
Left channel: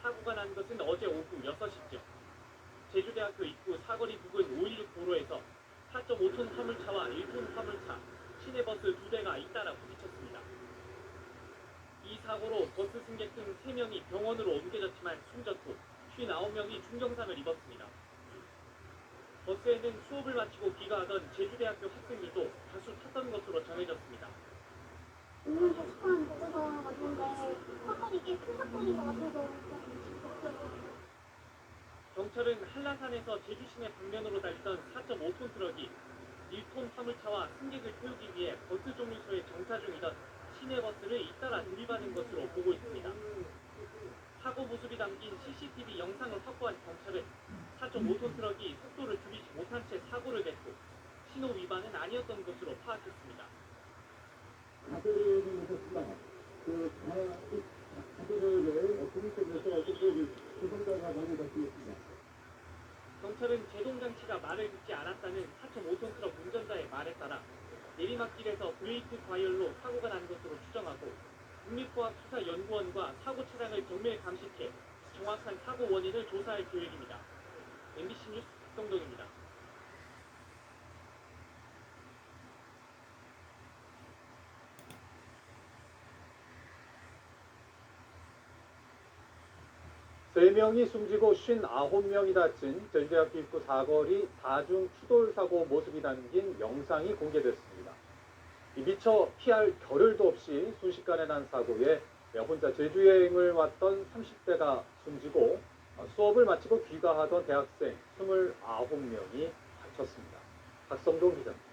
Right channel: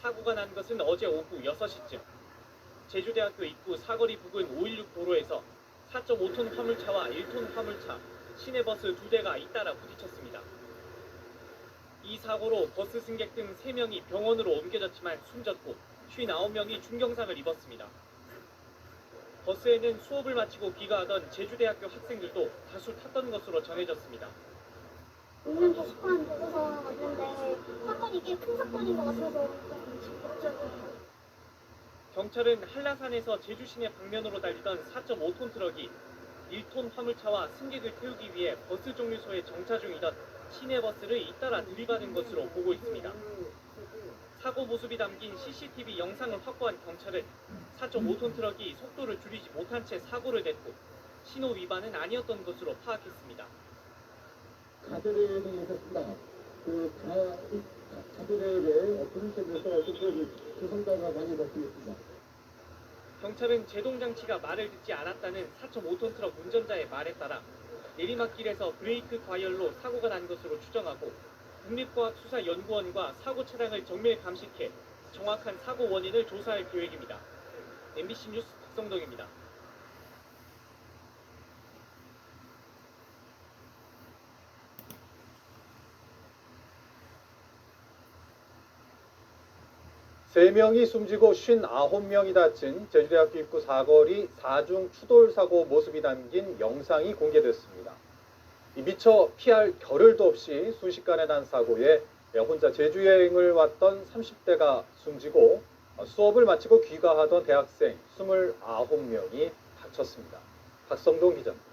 사고가 난 것은 어제 오후 6시쯤. 제주대학교 입구 사거리 부근 516 도로에서 4.5톤 화물차와 1톤 화물차, 시내버스 2대가 잇따라 부딪혔습니다. 이 사고로 버스 승객 등 3명이 병원으로 옮겨졌지만 숨졌고 59명이 중경상을 입었습니다. 버스에는 수업을 마치고 귀가하던 제주대학교 학생들도 다수 탔던 것으로 전해졌습니다. 운전도 시커먼 보고서 왔는데 사건이 꽤 큰 사건인 것 같아서 적극적으로. 경찰은 한라산에서 제주 시내 방면으로 달리던 4.5톤 트럭이 1톤 화물차와 승객을 태우기 위해 버스 종류소에 정차 중이던 시내버스를 잇따라 들이받은 것으로 보고 있습니다. 사고 모습이 담긴 CCTV 영상을 확보한 경찰은 4.5톤 트럭이 속도를 줄이지 못한 채 사고를 냈고 신호 위반은 아니었던 것으로 파악했습니다. 가드레일에 있었습니다. 가드레일에 어떤 쪽에서 어떻게 조선자가 많이 바뀌었습니다. 경찰은 제동장치가 말을 듣지 않았다는 4.5톤 트럭 운전자의 말에 따라 내리막길에서 브레이크 과열로 사고가 난 것으로 추정하고 국립과학수사연구원과 사고 차량을 정밀 감식해 정확한 사고 원인을 조사할 계획입니다. MBC 뉴스 박성동입니다. 3명이 숨지고 59명이 다친 제주대학교 입구 사거리 4중 추돌 사고 모습이 담긴 영상이 공개됐습니다. 미처 피할 겨를도 없이 순식간에 난 사고에 혼자 제주 여행을 왔던 30대가 숨지고 수업을 마치고 귀가하던 대학생 29명이 다쳤습니다. 박성동 기자입니다.